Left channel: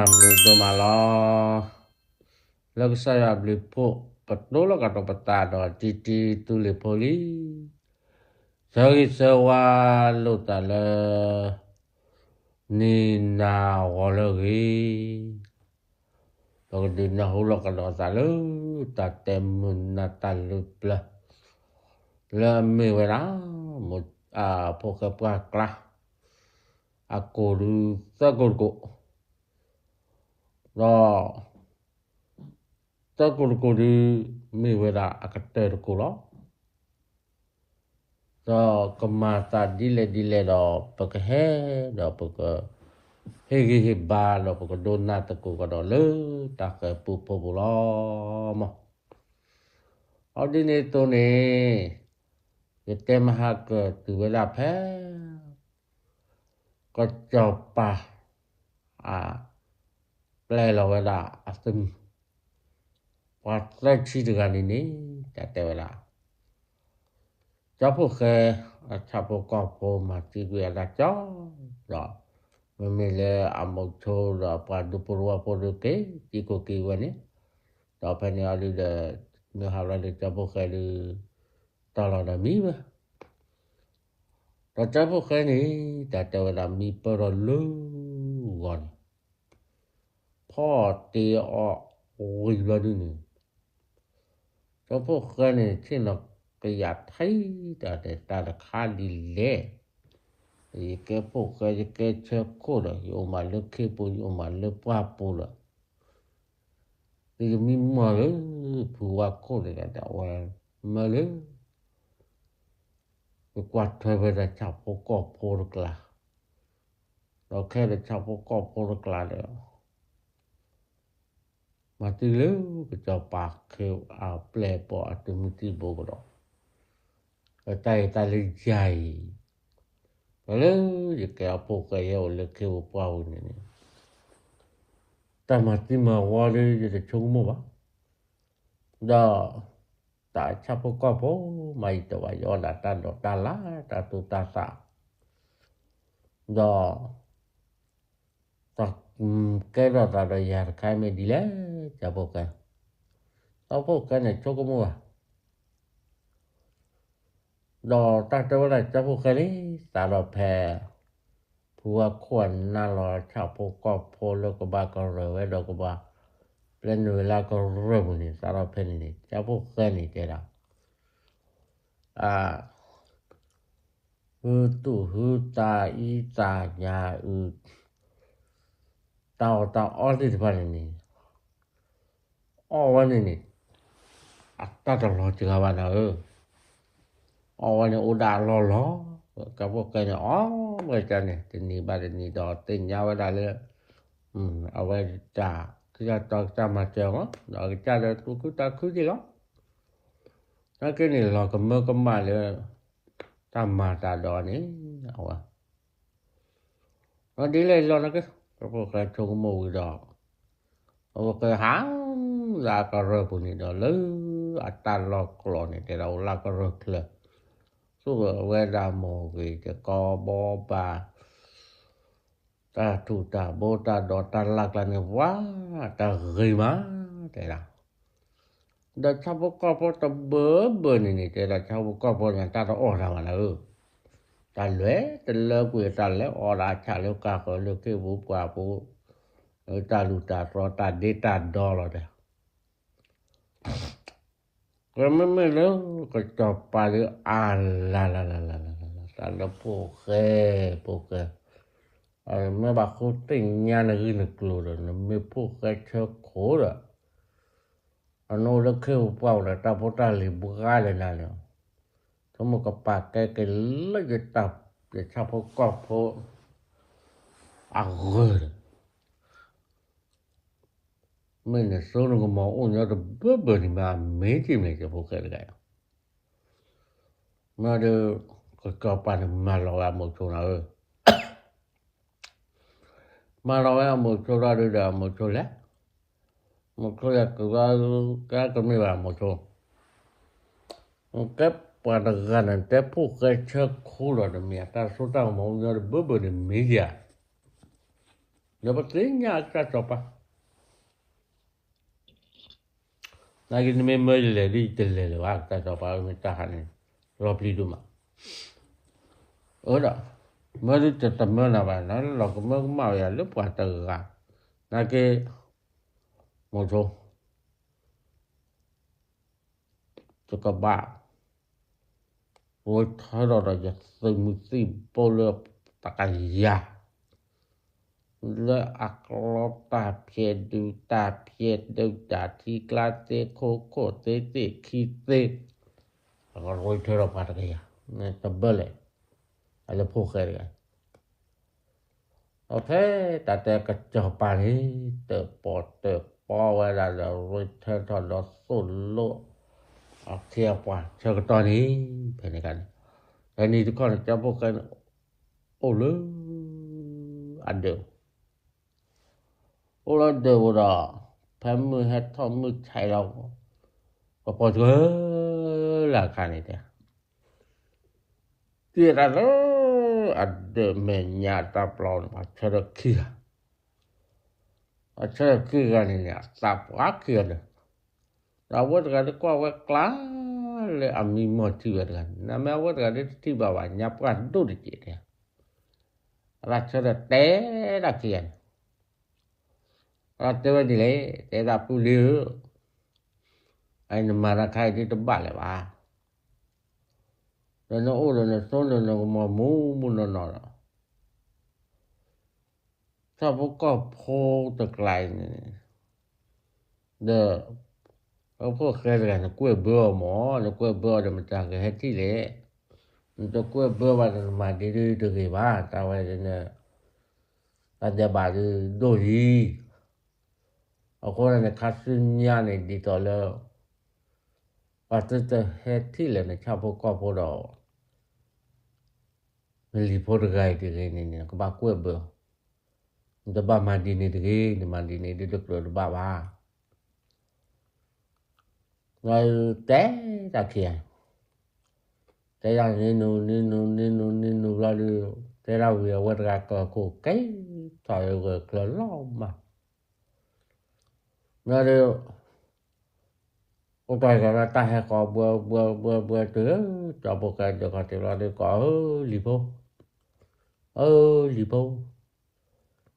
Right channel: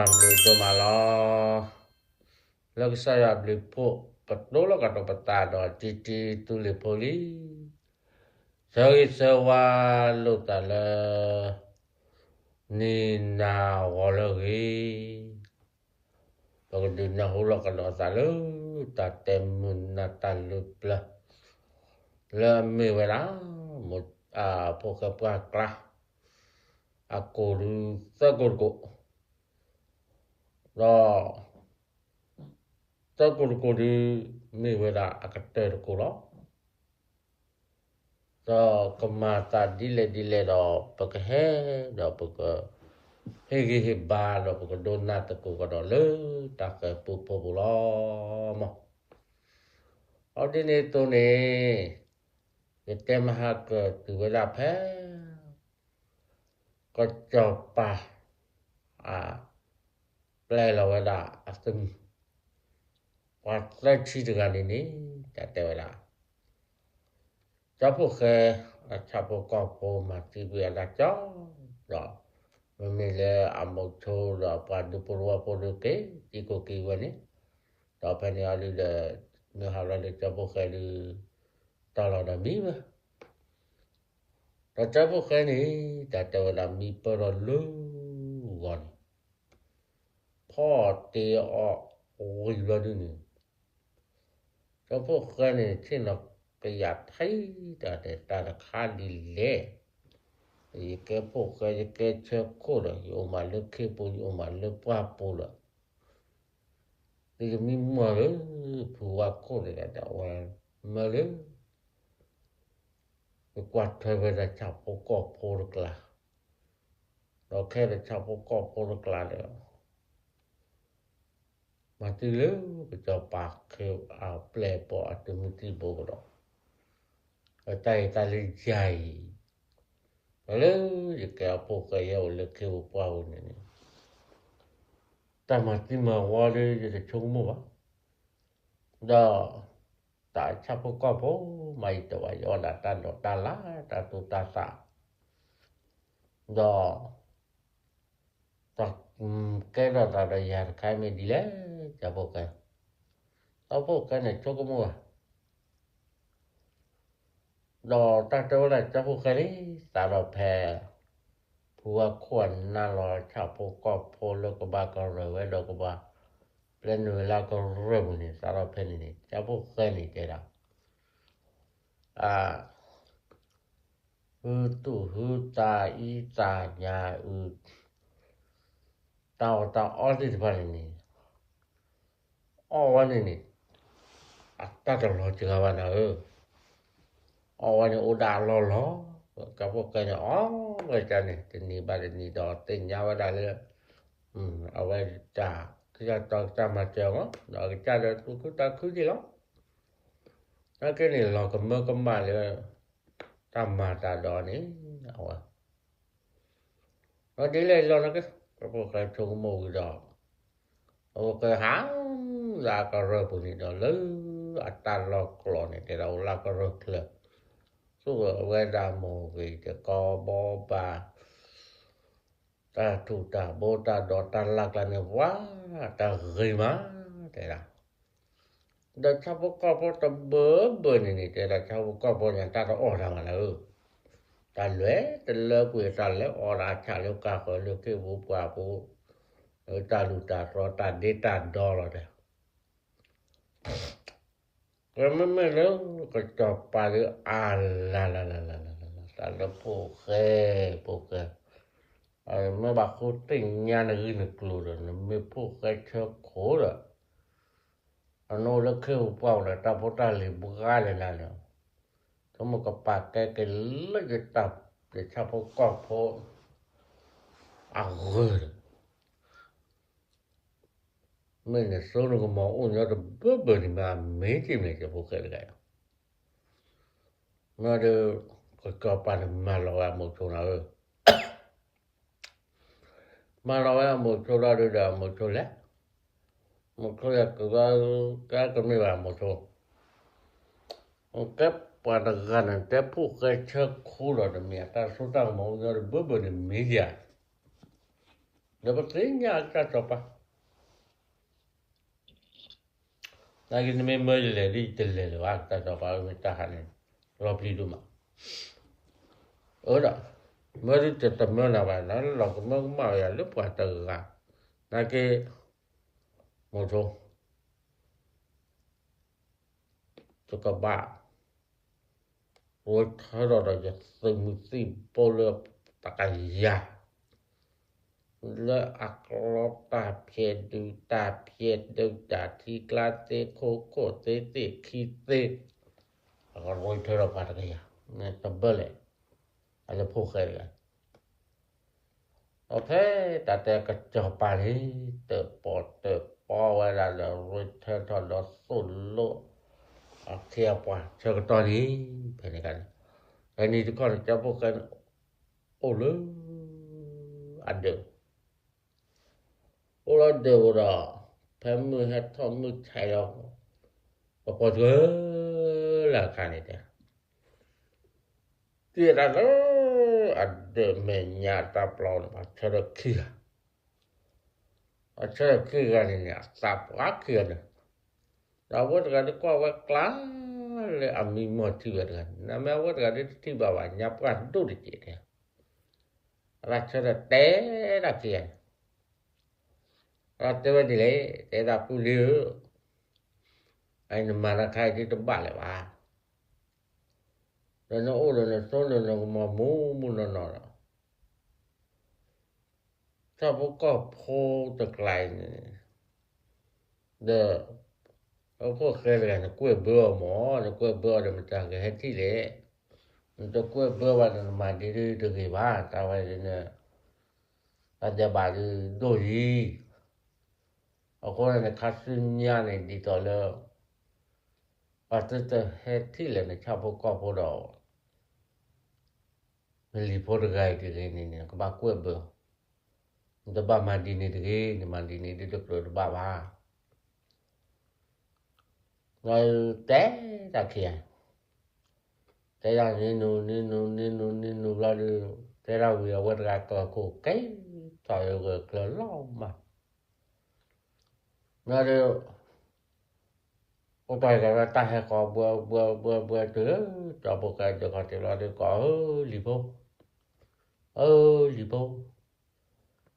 Domala lagi saya beli dulu kata peta titi tuli poli sewa lu tala ni na walagi kalau dunia hulu kalau salu tatem natalu plah la mewera poka paklah aku du sagurgo Takul di mewera akater kulo. So kemata dile do pakai do pakai hehe ba do pakai donat aku kado le tak pupo bulo mah. Adine to ne kita mahak tu wala phe ko chopa play la wala asum Patla ci dengan ini kata wala. Capo ke capo kopo mati gue ada cong. Do. Memile amoto do padu purwa poduke tiko kiwani. Do pani ali de nehalan de capo ke de talana mi ba. Do capo ke ni kata wala mi perlu wan. Poti oi ladu ni. Choพวกนี่ที่เราประหยัดให้แต่ตาค่าดีเลยอีกพวกก็จะเกิดเชื้อโควิดอยู่มาเลือกขี้ปูอยู่มาเลือกปลาปูละที่มีมาเลยผัวโควิดแต่ว่ามาเลยกว่าเธอไปจะจับพวกกอบปูละกละเราแค่จะจับพวกกอบปูละกละเดียวMati lu kecopak ke plepo atau muti bobro. Katai tali jai. Lalu jika apa kaya oleh ke upau ni. Tamati mawale jadi cuma. Da tak capo kapo mai tawa yo datang do tala tatu tasa. Da tak kera tada yar kami dile capokan. Capokan ni cukup muah. Do tak tahu lah capokan ni tada pe puak kuan nalo capokap polo kebakar rewe do kebak plenu lakar rewe ni tada pe ni capokan ni kera. Huta ita nya tao all this one ni. Oh one ni. Atta lo jangan mana Oh ni udah lo. Kamu kena macam ni badan ni dah tinggal dah le. Awal dah kita tak sama macam dah kita dah tu kita je kan. Tak ni lo kembali le sama dah ni awal. Jadi le lo nak Kamu kaya chung mui dah. Kamu kaya hang lah kara pun ni dah le. Atal lok lo ni kaya lah kara kela. So weda mo ke ko bo ba. Ta tu ta bo ta do ta lak la ni wah ta rima kaya. Dah capo kapo ta be ni kaya capo kapo yang ta orang mana Talwe, tele kue tale ora chale ka ko le ke bu pa bu ta lu ta ro ta de ta do lo de. Kama me le ko to pa le la. Ta le po ke. Me ba ko tin nya na ri na klo de me po ke che ko de. Ano le ke u pa la ta po ta le bu ga le na le. Kamu kepakai ke lagi tap ke capo kopo agor mana suruh mau unya de bebe ni ma meki bukan gaya mana ke kapan malawa mo chora malawa mo chora de da mo chora ke ka me ba mo chora Kep pada ganan tepu ke cek kula de mi ta suta mau ngar bebe de meja Yo patrinya ka topa. Lagi ni member le di tele wa ka topa me tahan. Robli duma. Ora. Mari tetap mana mana lo ko mau ya le pa ta ga. Na ke mo so. To ka ba. Ôi thở đó là giật từ một tí bố lợp ta cả giá lỡ ạc lọp ta phiệt đu ta thi kla tê khô tê khi tê và ôi thở đó phát cái giá này ta bơ lệ hay là phô khởi rồi ok ta tê cả cho bà đi tờ bỏ vào là rồi thở đó solo siapa saya kata ni penekan ini tu kan campurkan ole ada ora pamu hat thamu chai lo apa tu lah kan itu tidak ada menyata plon macam kia kan ini tak akhir Awat kada ko awak le ami moti kan. Nama awat kada ti bawa nyapkan tu di dia. Rasa te da kian. Atau dile te da puliu. Ai nama kai di tempat le wa. Dan orang sono no mu no. Sabu ko pho te klai ni. De Apa kira nak kue bơ mỏ, nak kue bơ dah macam ke hati le. Untuk kue bơ pada mandi tu ke ba, tahu ada na ada baru doi. Aku nak kasihnya ni di tola. Pasti tu hati le nak capo kapo dah. Melipor gay tu ni aku ba kue bơ. Untuk ba mandi ni tu tu perlu ba. Rồi té ta kia té ra ninu ra đi té ra vừa quật gạt cổ cái trời vừa cờ lo mà nó đi ông trời cái ta hay có bữa từ cho bộ cái được họ thì là đi có lipo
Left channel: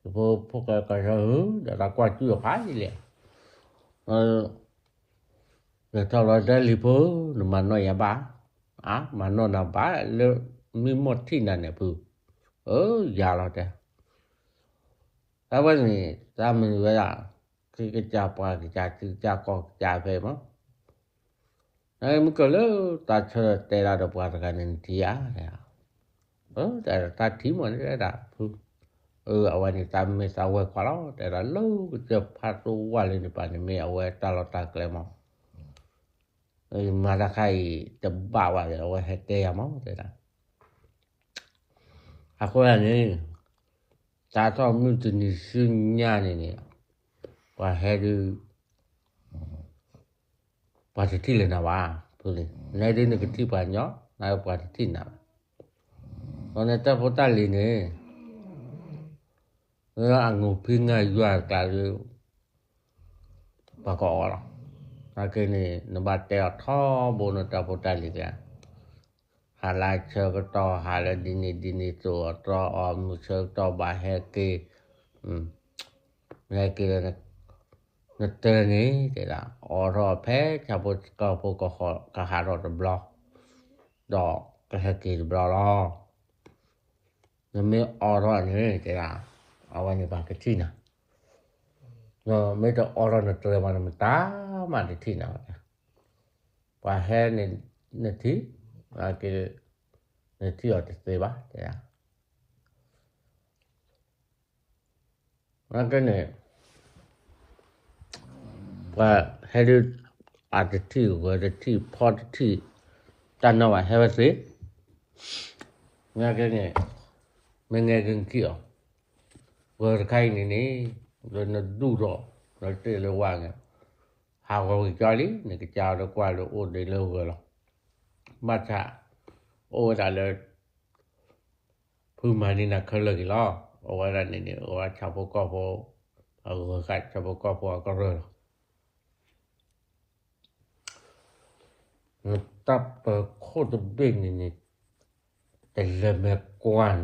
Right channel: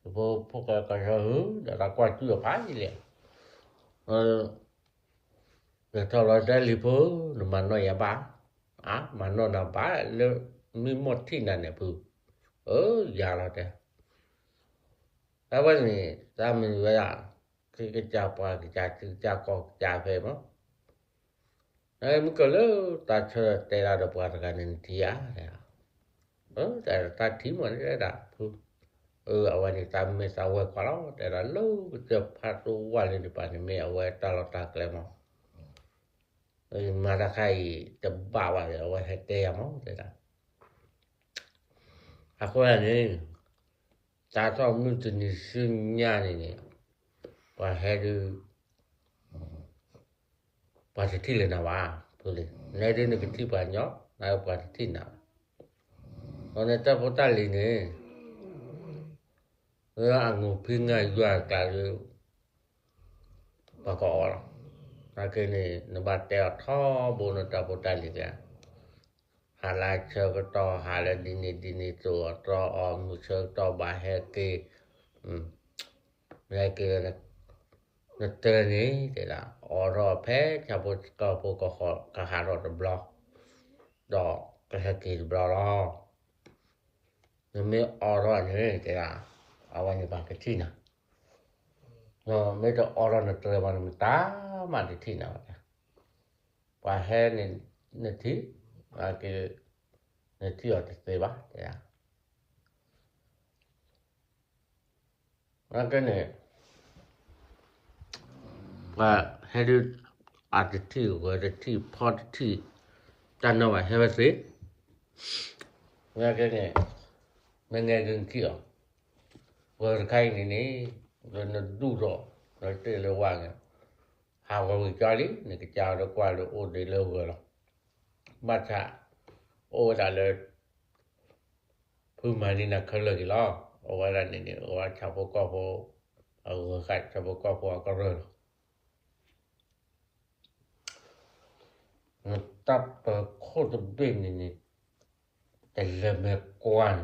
phụ cái hứ để ta qua chưa phá gì vậy Rồi sau đó lipo mà nó ya ba mà nó na ba le mi một thi na ne pu ya la ta ta với ni ta mình vậy à cái cha pa cái cha có cha về mà mình có lỡ ta chờ tê ra được qua cái nên tia ta thi mà nó đã pu ở này ta mới sao vậy quá đó để là lâu chụp phát tu qua lên được bạn mẹ vậy ta cái mà Marakai terbawa oleh hati mau tidak. Aku ni tak tahu mungkin sunya ni pahedu pada tiada nawa boleh. Nadi ni keti banyak, naik pada tina. Orang tak portal ni, orang ngupingai jual kalau pakar orang. Akhirnya nampak teh thau bonus dapat tali kan. Halal cerita halal dini tu atau cerita bahaya ke, mereka ngeter ni tidak orang peh cabut kau keharap blok, dok kehati blok lah. Nama orang ni tidak awalnya pakai Cina. No, mereka orang nak terima nama mana di mana? Pahal ni nanti, akhir nanti ada sebab ya. Macam ni, pahal ada ti, pot ti, tanah wah hebat sih. Macam ni, mengenai kio, berkai ni. Rồi nó đủ rồi, rồi tự là hoàng hào rồi cho lý, này cái chào nó qua là ổn định lâu rồi. Mà chả, ô trả lời, phương mà đi là khởi lời lo, Ahora nene, ahora chapo capo, ahora chapo capo a correr. No tapa coda bene, te leme quan.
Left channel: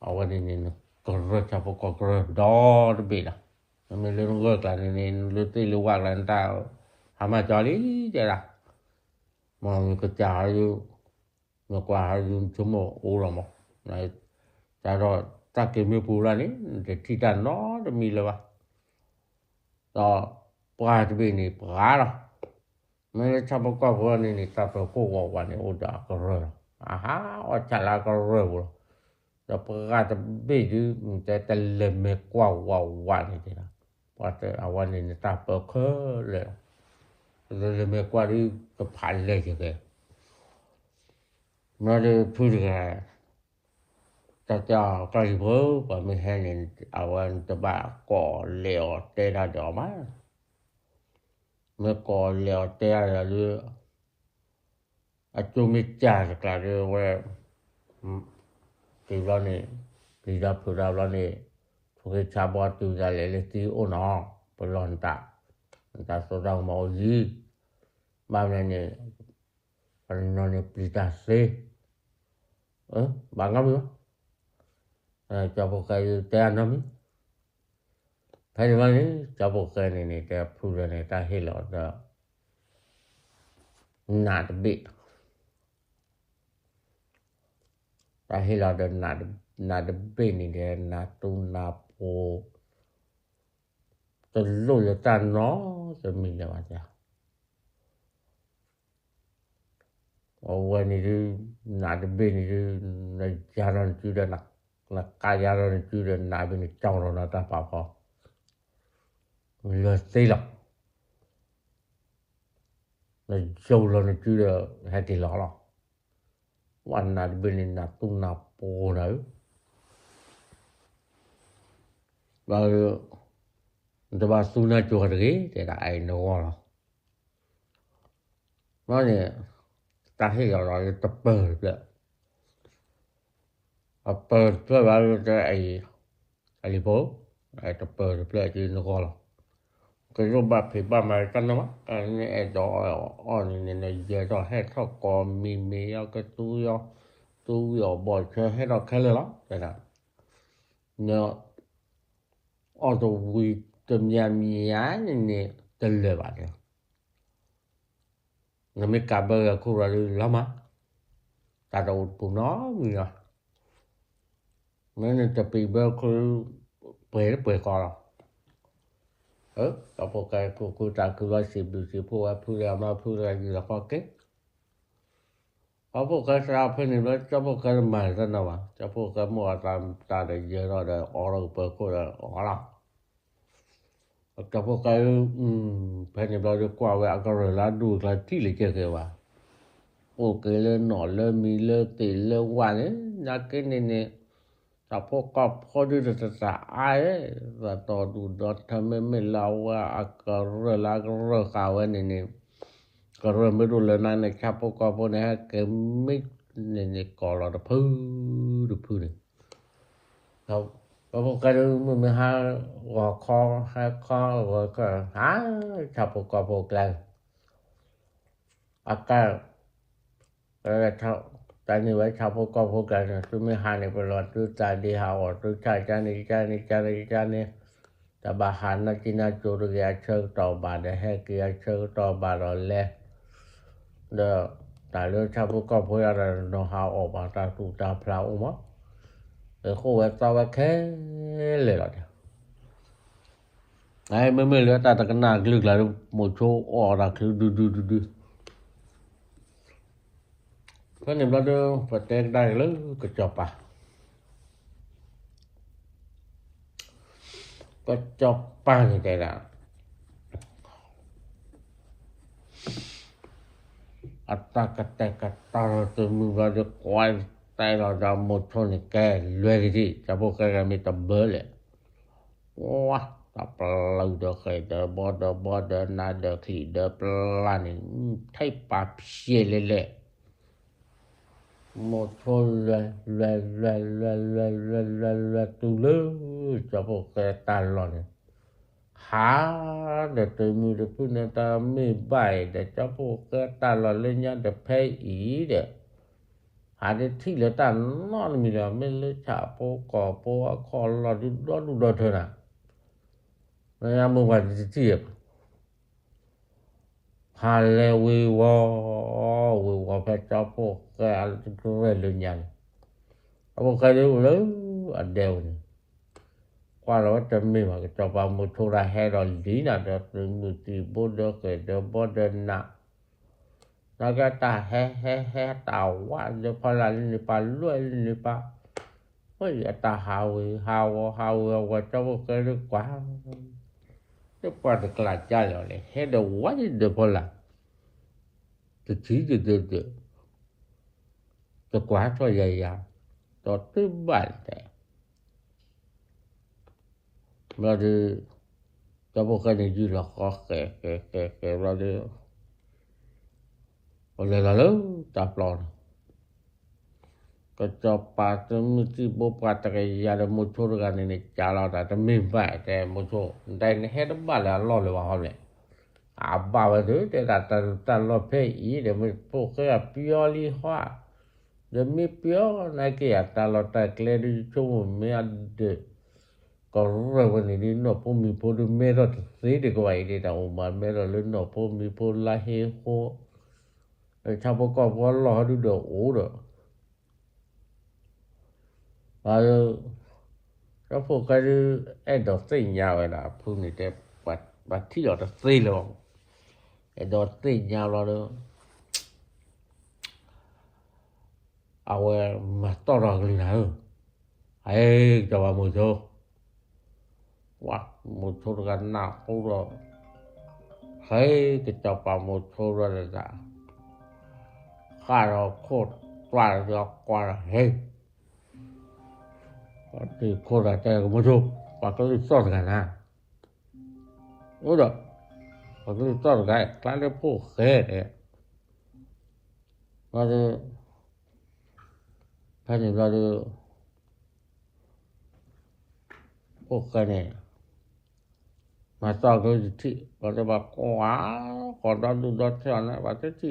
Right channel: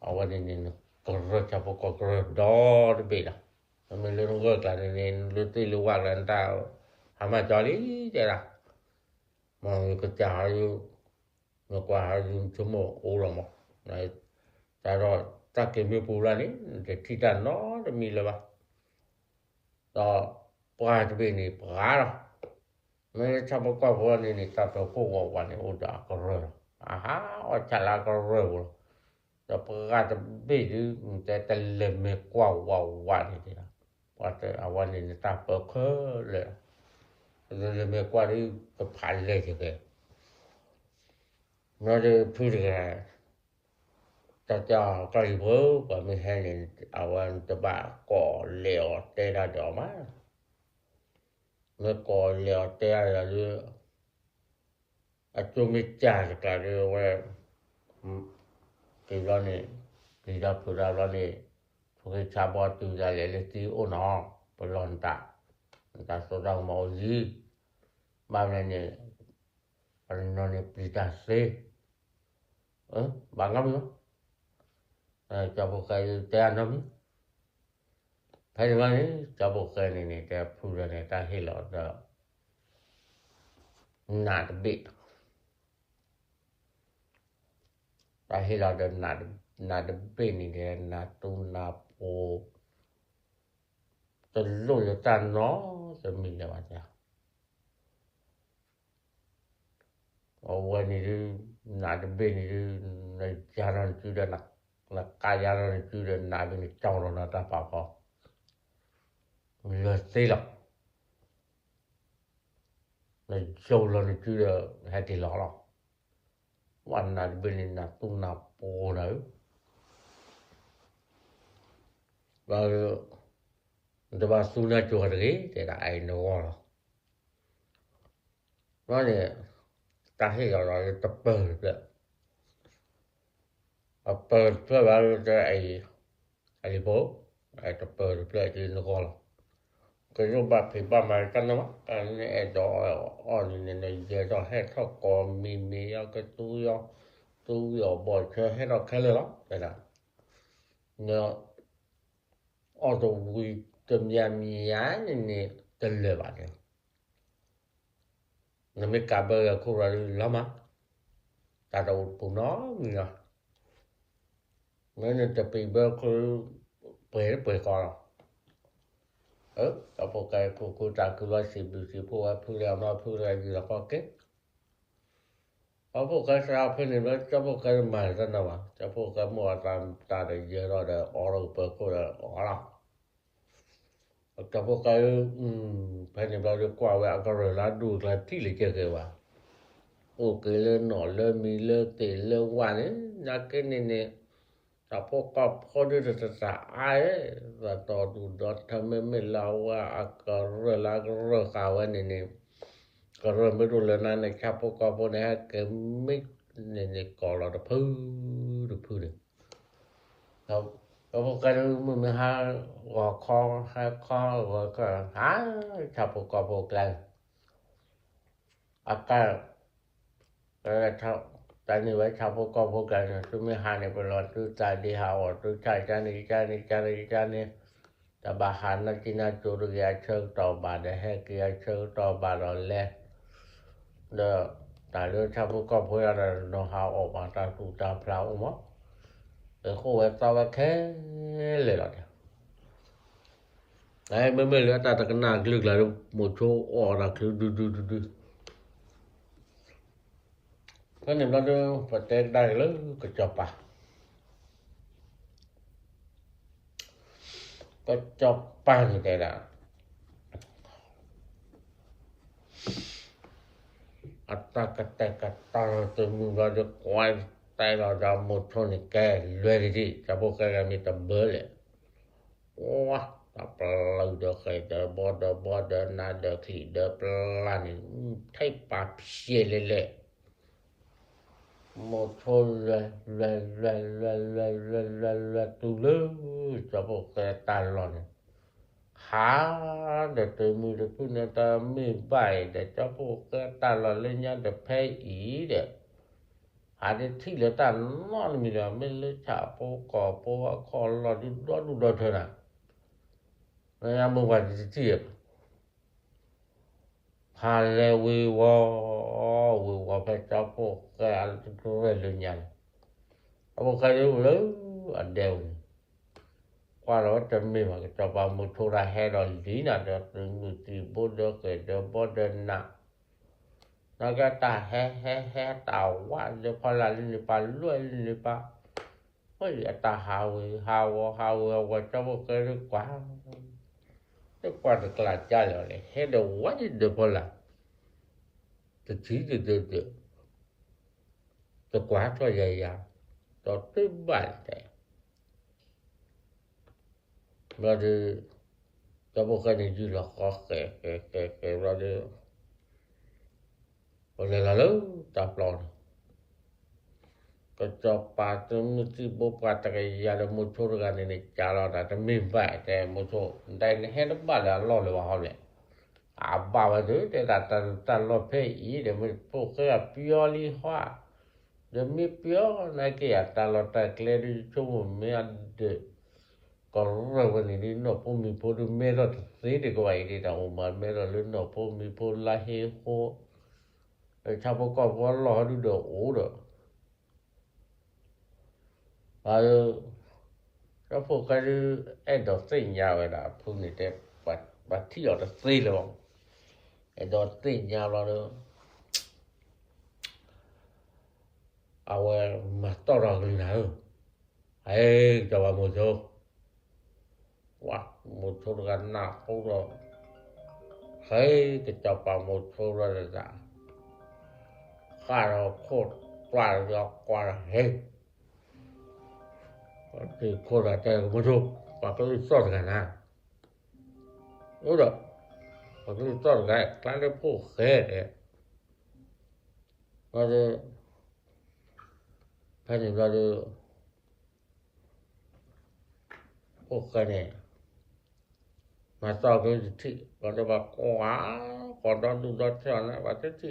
Ahora nene, correr chapo correr, dor bela. No me le rugo ta nene, lu ti lu wa lan ta. Hama jolly de la. Mon que cha yu, no qua yu chumo o lo mo. Này, ta rồi ta ke me pu la ni, de ti ta no de mi le wa. To pa de bene, pa la. Me chapo capo nene, tapa coda wa ne o da correr. Aha, o cha la correr.จะเปิดเบดูแต่แต่เลมกว่าวันนี่นะว่าแต่เอาวันนี้ตาเปิดเลยเลมกว่านี่ก็ผ่านเลยใช่ไหมมาดูพูดกันแต่จะใครรู้ว่าไม่ให้เอาวันจะบ้าก่อเหลวเตะดอกมาเมื่อก่อเหลวเตะหรืออาจุมิจ่าก็เรียกว่าที่เราเนี่ยที่เราพูดเราเนี่ยพวกชาวบ้านตัวใหญ่เลยที่โอ้น้องปลอนตาสุดเราหมอจีบ้านเนี่ยปนนเนี่ยปีตาเสบางงั้นมั้ยจะพวกใครเตะน้ำมั้ยใครบ้านเนี่ยจะพวกใครเนี่ยแต่พูดเนี่ยตาเห็นแล้วจะหนาดบิดta hay là đợt nà bên này để nà tu nà po từ lúc là ta nó cho mình là bao giờวันนี้นาดเบนี่ในจารันจุดนักกายารันจุดนาเป็นเจ้าเราตาป่าพอเลยสิล่ะในโจเราในจุดให้ติหล่อวันนั้นเป็นนักตุ้งนักโปนะบางแต่ว่าสุนัขจวดเลยแต่ละไอ้น้องนั่นเนี่ยตาให้เราจะเปิดเลยเปิดเพื่อว่าจะไอ้พวกไอ้จะเปิดเพื่อจะน้องก็รูปแบบที่บ้านมาตั้งเนาะอันนี้ไอ้ดอยอ่อนเนี่ยเยอะดอยให้เขาก่อมีเอาก็ตู้บ่อยเชื่อให้เราแค่เลยหรอแต่นะเนาะเอาตัววิตมีเนี่ยเตลว่าเนี่ยนั่นไม่กลับไปคุยแล้วมั้งแต่เราปุ่นน้อมีอ่ะมันจะไปเบอร์คือเปิดก่อนเราพวกกันพูดจากคือว่าสิพูดว่าพูดแล้วมาพูดอะไรอยู่แล้วก็เก็บเอาพวกกันเราเพื่อนว่าจะพวกกันใหม่กันนะวะจะพวกกันมัวตาได้เยอะเราได้ออกเราเปิดคนละออกละจะพวกกันเพื่อนเราจะกว่าว่าก็เลยละดูละที่เลยเจอว่าโอเคเลยหนอนเลยมีเลยตีเลยวันนี้นักกินเนี่ยถ้าพวกก็พอดูจะอายว่าต่อดูดอทำไม่เราว่าก็เรื่องละก็เรื่องข่าวเนี่ยก็เริ่มไม่รู้เลยนะครับพวกก็พวกนี้ก็ไม่เนี่ยก่อเราพื้นเลยเราพวกก็มันไม่หาว่าคอว่าก็หาชาวพวกก็พวกแล้วอากาศชาวตอนนี้ไว้ชาวพวกก็พวกกันคือไม่หาในตลอดคือใจดีหาอดคือใจจานี่แต่บาหารนักกินจูรุยาเชิงต่อบาดให้เกียเชิงต่อบาดแลเด้อแต่เรื่องชาวพวกก็พวกอะไรโนฮาวออกมาตาตูตาพลาวมั้งคู่ไว้ต่อไว้แค่เลยล่ะไอ้ไม่เหลือตาตะกันหนักลึกแล้วหมดโชว์ออกรักคือดูก็เนี่ยเราเดินประเทศได้เลยก็จบอ่ะก็จบไปแต่ละอัตตากตาตัวมือเราจะคอยแต่เราหมดโชว์นี่แกเลยที่จะพวกแกมีตะเบอเลยว้าตะปลาเดือดเคยเดือบอดนาเดือดขี้เดือปลานี่ไทยปากเพี้ยเลย หมดทนเลยตุเลยจะพวกแกตาลอนหาเดี๋ยวเตมีเดี๋ยวพูดในตาไม่ใบเดี๋ยวจะพวกแกตาลอนเล่นยันเดี๋ยวแพ้อีเดี๋ยวหาได้ที่เหลือตานอนมีแล้วไม่เลยฉาโปก่อโปคอรอดูดอเถอะนะไม่ยามมึงว่าจะเทียบหาแล้ววิวพระเจ้าพวกแกทุกเรื่องยังเอาพวกแกดูเลยอันเดียวqua đóจะมีว่าจะว่ามุทุระให้เราดีนะเดี๋ยวถึงมุติบุดเกิดเดี๋ยวบ่เดินนะแล้วก็ตาแฮ่ตาว่าเดี๋ยวพอละนี่ปาลวยนี่ปาเฮ้ยตาหาวว่าจะบ่เคยรู้กว่าจะกว่าจะกลาดใจเลยให้เดี๋ยวว่าเดี๋ยวพอละจะชี้เดี๋ยวจะกว่าตัวใหญ่ๆตัวตึ้มบ้านแต่เราดูจะบอกกันอยู่หรอกแกเราดูอะไรล่ะจับปลอดก็จะปาตมุติบปาตะกยามุทุรกันนี่จาลาแต่ไม่ว่าแต่มุทุได้เห็นบ้านแล้วรอเลยว่าเลยอาบ่าวเด้อแต่ตาลอเพอีเดี๋ยวมันพวกก็เปียวลีฮวาเดี๋ยวมีเปียวนะแกตาลอตะเคลดิชงไม่อันเดก็เราวันนี้เนาะพวกมีพวกเมรอสีดีกว่าอีกแต่ออกมาเมรอเลยเนาะพวกมีพวกลาเฮโฮชาวประกอบว่ารอดูดอกโอ้ดอกแล้วพวกกันไอ้ดอกสียาวนะพวกนี้แต่บัดที่ดอกสีแล้วไอ้ดอกสียาวแล้วเอามาต่อรองกันนะไอ้จะว่าหมดโว่าหมดทุกันหน้าพวกเราให้จะจับปลาหมดทุกันละข้าเราโคตรปลาเรากว่าเฮ้ที่โคตรแต่ก็ไม่รู้ปลาก็รีบซ่อนกันนะโอ้ดอกปลาก็รีบซ่อนกันกลายเป็นพวกเฮ้เราจะให้เราจะพวกกันเนี่ยมาต่อกันที่เราจะบอกว่าก่อนดูดอเท่านั้นว่าจะที่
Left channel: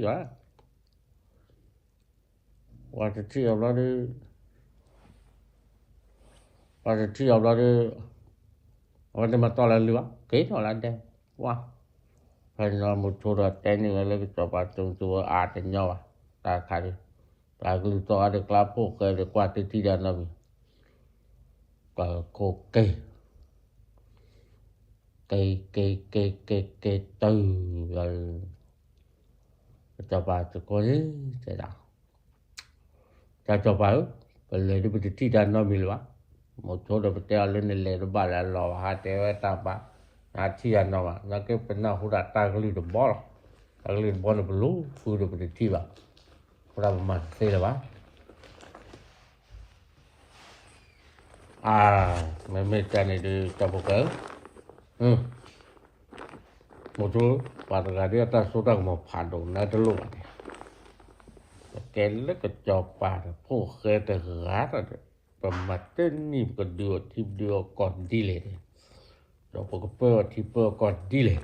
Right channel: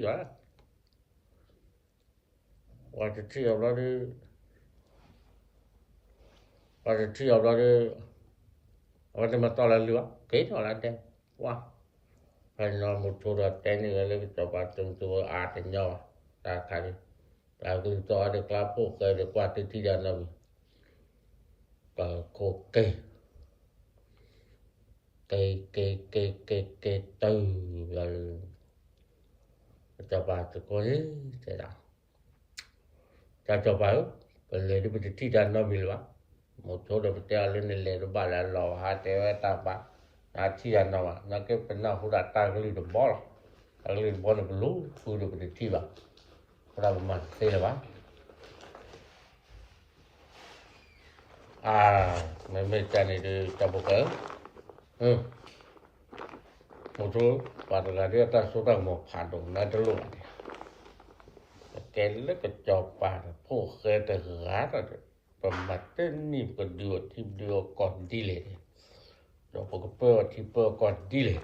ว่าจะที่เราดูว่าจะที่เราดูว่าจะมาต่อแล้วหรือวะเก๋ต่อแล้วเด้ว่าให้เราหมดทุนแต่นี่แล้วก็จะไปตรงตัวอาจจะเนาะตาคันตาคือต่อเด็กลาพวกเด็กว่าที่ด้านนั้นก็โคเกtừ rồi cho bà cho cô ấy thế nào cho bà rồi lấy đi bị thi đàn nó bị loạn một số rồi treo lên lấy nó bà là lò hai té với ta bà thi đàn nó cái bên nào cũng đặt ta cái lưỡi bò cái lưỡi bò nó lú cứ được bị thi vào ra mà thế là bác mấy cái này đi cho bộ cỡ một số pada dia ta sudah mau padong na dulu kele ke coba ko ke te rat pematen ni kedua tiba kon dile do ko pe tiba kon dile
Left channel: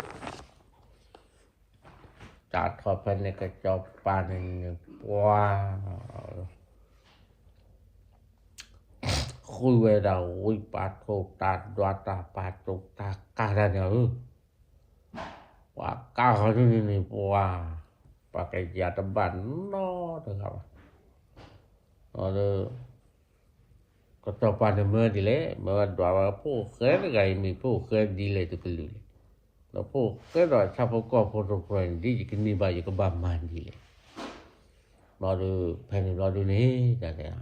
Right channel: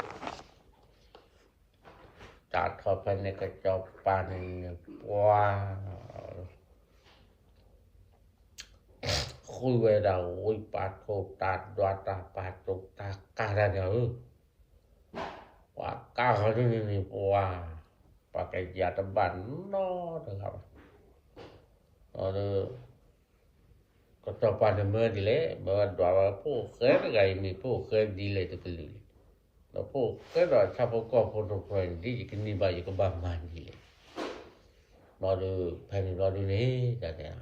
ta thọ pa ne ke coba ni wa khui về đầu ui pa ko ta doa ta pa to ta ka ra ne wah kau ni wah pakai jata ban no dengar ada kata pada merdile bawa poker gai mi poker dile tu kelu lo poker dah siapa kau foto friend di kini baju ke baman di baru pen baru ni kata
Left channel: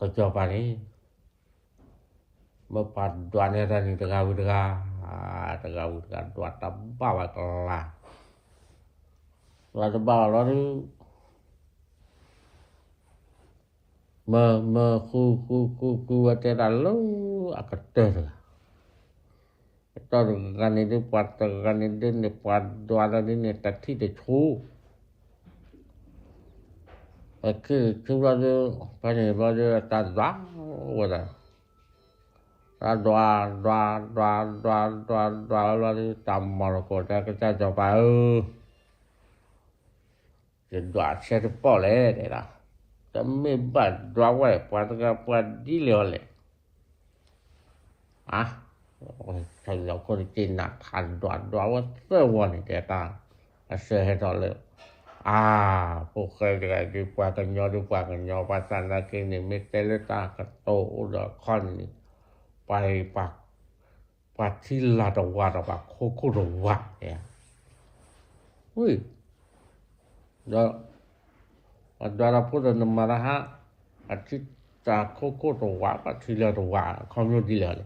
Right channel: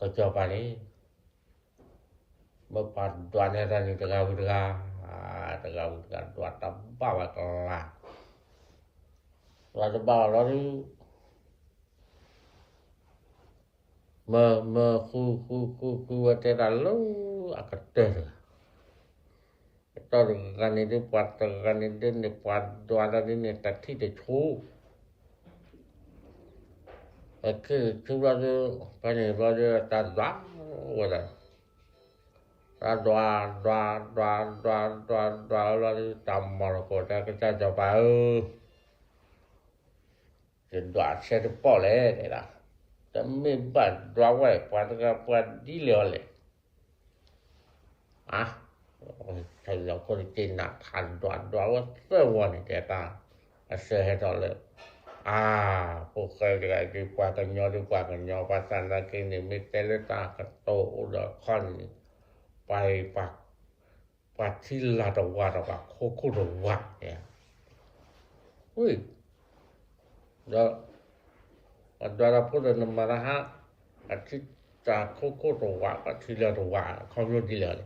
kata pada ni bapak tuan era ni tengah tegak dua tambah lah là bảo nó mà khu ở trên là lâu akan ter atau gan ini buat gan ini buat dua ini tadi de chu que va de para va de ta da wala ta la tamar ko ta que ta jo pa je doa se de pole la tambe ba doa wa pa di le ah ta lo ko ti na kan doa wa se wa ni te ta se he to le pok cái đi qua cái nhỏ qua sana cái này mới tới ta cái tổ đó conไปปัดที่ลาดวาดว่าโคโคโดวะเนี่ยอุ้ยแล้วดาราพูดนมาละฮะอาทิตย์จากโคโคโดวะปัดที่ลาดวาเขาไม่ดีเลย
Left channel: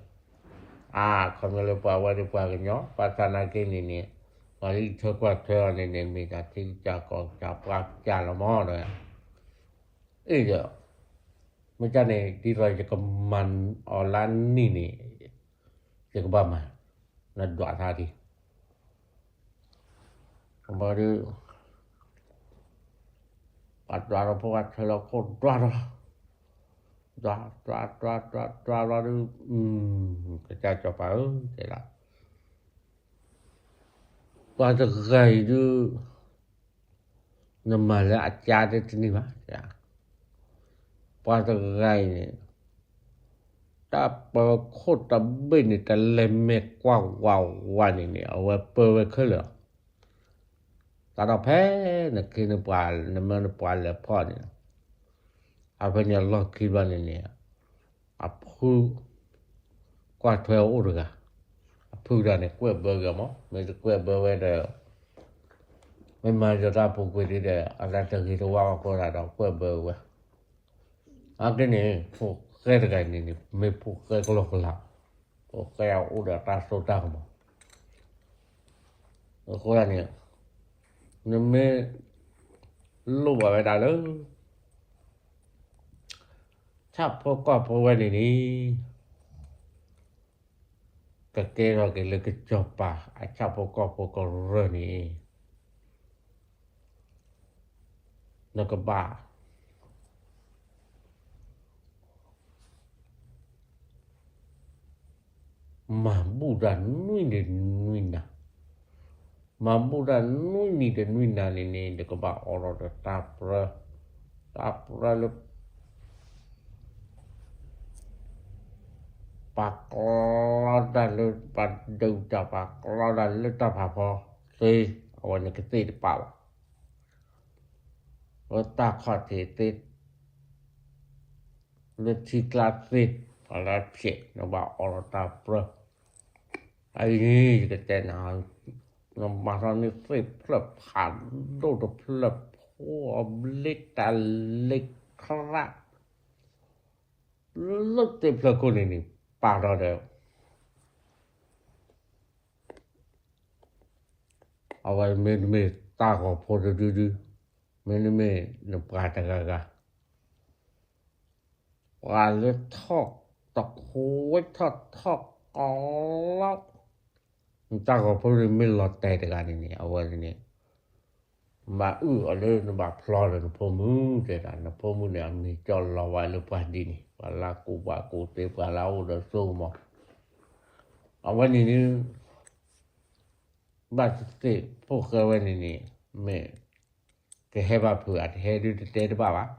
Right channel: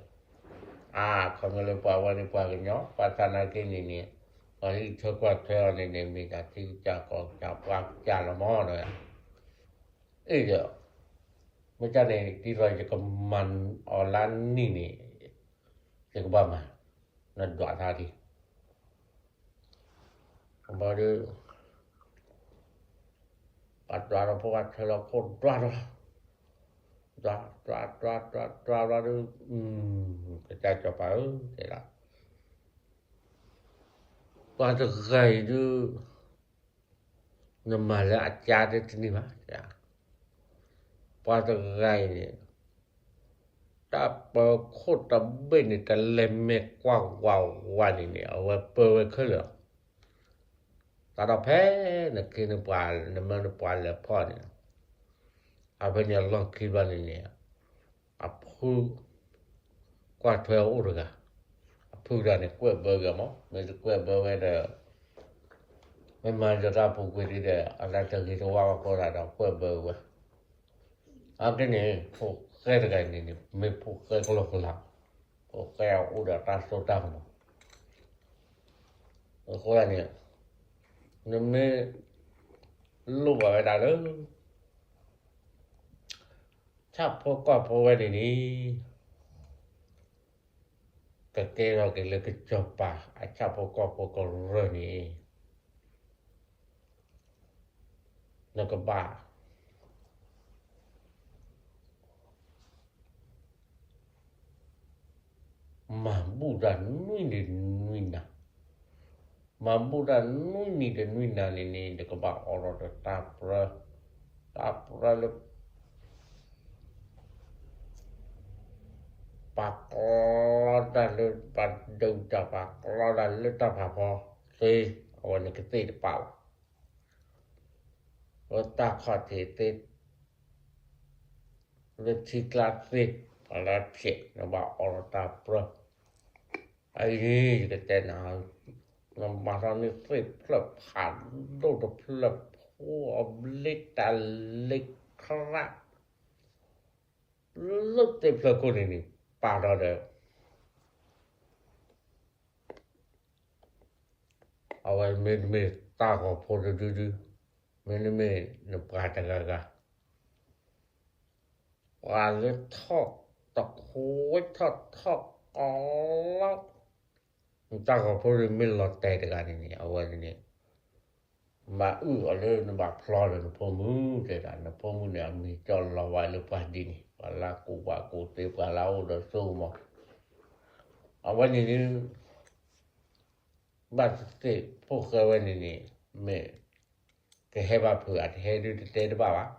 เขาไม่รู้ว่าดีกว่ากันเนาะปัสนาเกนี่เนี่ยวันนี้เธอกว่าเธอเนี่ยมีการที่จะกองจับว่าจานละหม้อเลยเดี๋ยวไม่ใช่เนี่ยที่เราจะกำมันออนไลน์นี่Cik Bama nak doa tadi. Kembali ada buat telekot doa lalu kita coba tidak. Pada gaya itu nama le ajar itu ni mah ya. Pada gaya ni ta pa khot ta ben ni ta le me kwa wa ni ni au pa we khlo ta da phe na ke na pa na ma na pa le pho ni a ba nya lo ki ba ni a phu kwa thwe o ga a phu da ni kwe ba ga mo me kwe ba we da me ma ja ta pu kwe ni de a la ta ki to wa ko da da kwe ba we a ke ni phu cái này ni me pu cái lo la o ke o da ta so ta mo ko la ni ne me lo ba da lo cha po ko po wa ni ka ke ro ke le ke cho pa a cha po ko ro ni no ka ba mampu dan nui na mampu dan nui na ni de ko ba oro de tapra le pakko dan le padu ta pakko dan le ta pakko se awan ke ti de pau wa ta kha ti le ti klase ala pie no ba oro tapra ai ni cái tên nào nó mà ra nó phải lập hẳn đồ độc lập ô lịch ta lịch khát lúc tiếp là cô này bảo ra được ở ngoài mình ta có phô đưa mình nó bà ta gà và nó thọc tọc khối thọc ta có phô mình lọt tè ta gà này ở ngoài này mà lên nó bà phlo là nó phô mứ thế là nó phô mứ này mình cho lò vài lúc phải đi này và là cụ tế và lâu đó xô mà ở ngoài này bà tế phô khơi ngoài này mẹ cái hệ bà phượt hệ đưa tế đó bà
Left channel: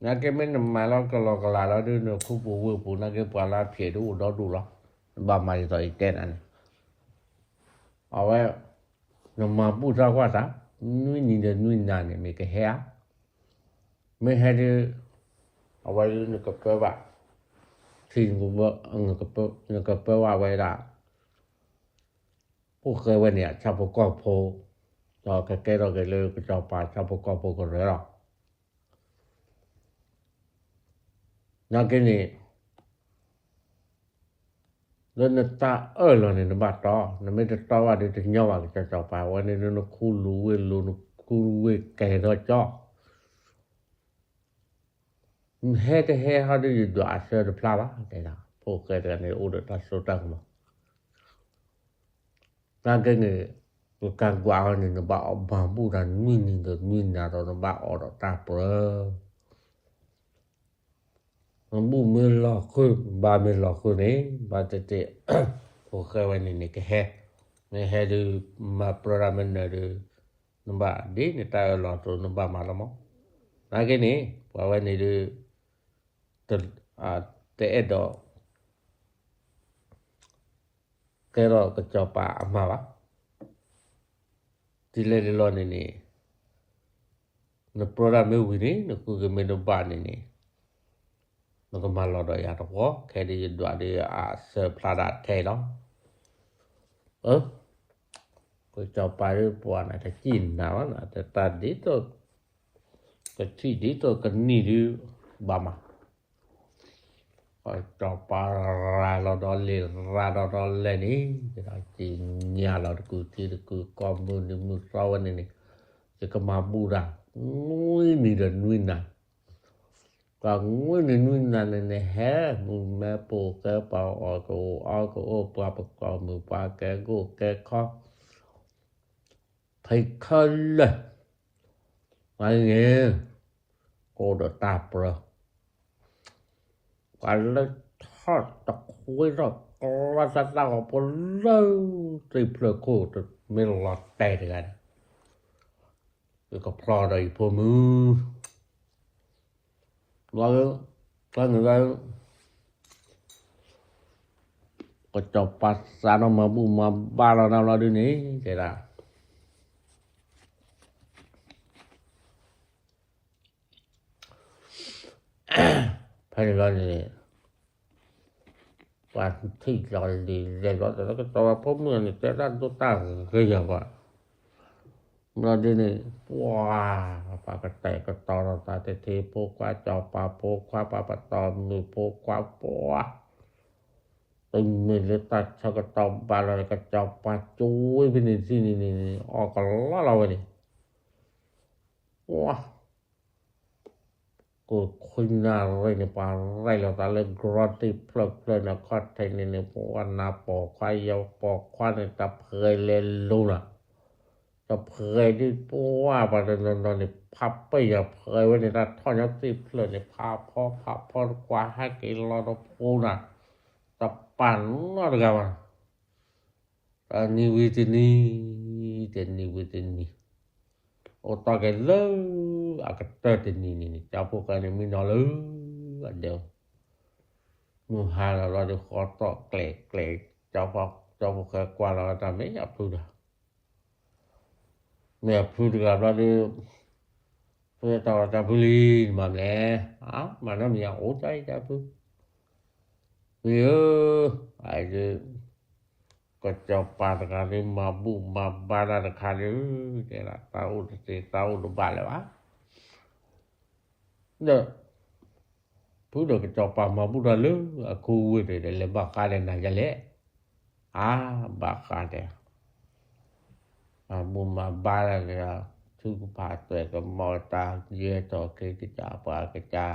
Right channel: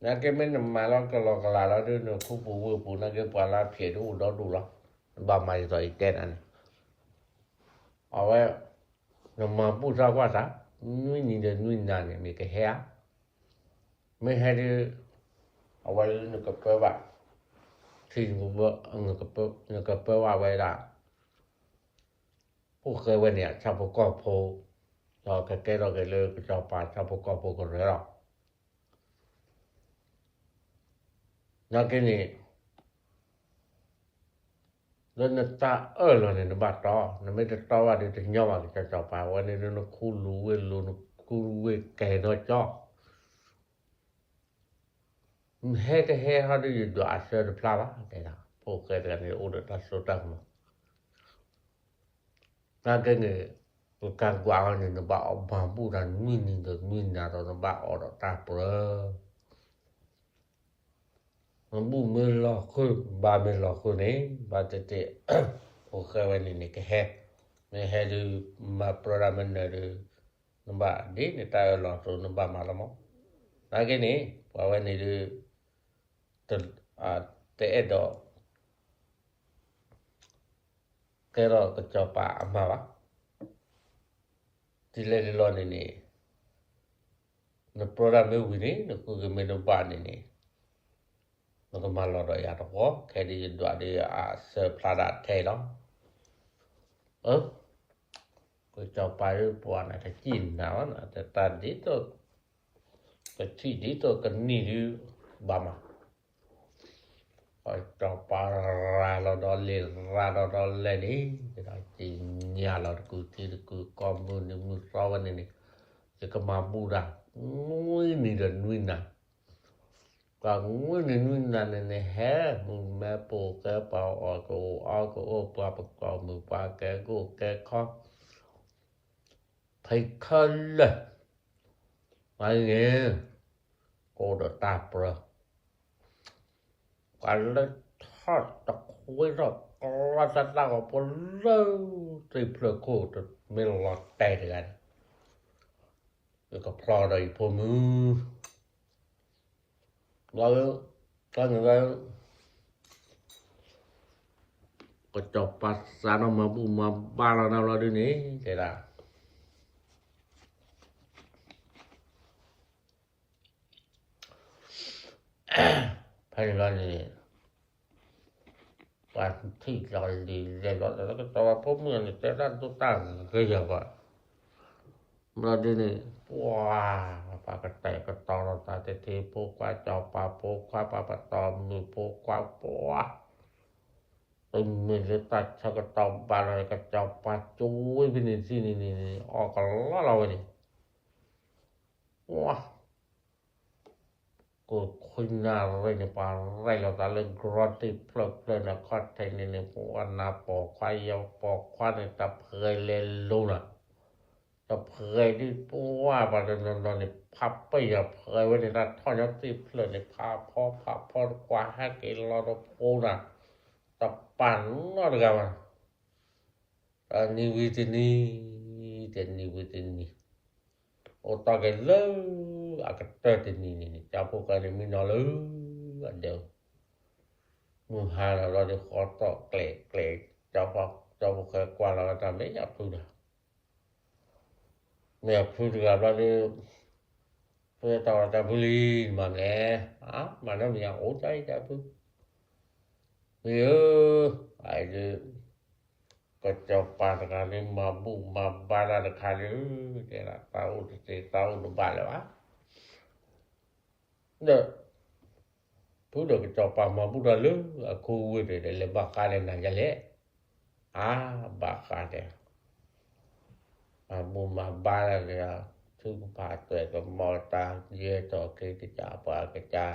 nà cái mình mà làm cái lò là nó đưa nó khu bù nà cái bà là phía đủ đó đủ lắm bà mày rồi tên anh ở ngoài nó mà bù ra quá ta nuôi nà này mấy cái hè mấy hè đi ở ngoài nó có phải bà thì cũng vợ nó có phải bà vậy là phô khơi ngoài này chào phô có phô rồi cái đó cái lơ cái chào bà chào phô có phô có rồi đó nà cái này lên nó ta rồi này nó bắt to nó mới to vào để cho nhau cái chào bà ngoài này nó khu lúa nó khu kè đó cho he how do you do after the flower cái đó phô cái này order ta số tăng mà ta cái này Kagwaan ni na ba bambu dan min ni de min na do ba o do ta pro bambu min lo ko ba min lo ko ni ba te o ke wa ni ke he de ma program na de no ba de ni ta lo to no ba ma lo mo na ke ni wa wa ni de te edo ke ro ko cho pa ma ba Tile lo ni no program wi ni no ku ge me no ba ni no ko ma lo do ya to ko ke di do de se plada the no ko cho pa ru po na ta chin na na ta di to ko chi di to ka ni du ba ma ko cho pa ra lo do le ni ta chi nya lo ku ti ku ko mu ni mu so wa ni ke ma bu da ngui ni de nui na ka ngui ni nui na ne he mu me po ke pa o ko pa ko mu pa ke go ke kho thai khal ai nghe cô đã tạp rồi quả là thoát tập khối rồi là ra nào có lâu thì phải cô được mình lọt tay rồi rồi có pro đây phụ nữ rồi có người có cho phát ra nó mà bu mà ba nào đi ní thế nào phải là này và thích rồi thì để đó nó có to phốm người té ra tôi tăng cái giờ vậy nó đi này wow và cái tẻ cái to là ta thì phố qua cho phố qua to người phố qua tình mình lấy ta cho cái to ba là cái cho chuối bên này xin này cái lá lâu này wow cô khuyên nào rồi này bà rồi là ta lên groti plug lên là có thể này bỏ na bỏ khoai dầu bỏ khoai này tập hơi lên luôn à tập hơi đi bỏ và nó nàyพับไปอย่าเผยไว้ในนั้นท่อยักษ์ติเพลินในพาพ่อกว่าให้กินรอดปูน่ะตับปั่นอะไรกันวะอันนี้วิธีนี้โอ้ตากันเลยอาก็เตะนี่จะพวกกันมีนอเลยอันเดียวมือหาเราได้ขอต่อเกลเจ้าพวกกว่าเราทำไม่อยากพูดนะเนี่ยพูดกันว่าดิเพื่อต่อจะบุรีมาแน่มาแล้วเนี่ยโอ้ใจจะพูดเยอะไอ้เด้อก็จะปาดกันนี่มาบุกมาบาราคาเลยเนี่ยนะเต้าดูบาแล้วเด้อพูดก็จะปามาบุดเลยกูเด้เลยบากาเลยนะจะเลยบากาเด้มาบุมาบาราเนี่ยทุกภาคตัวก็มอตาเยต่อกิจาปากจา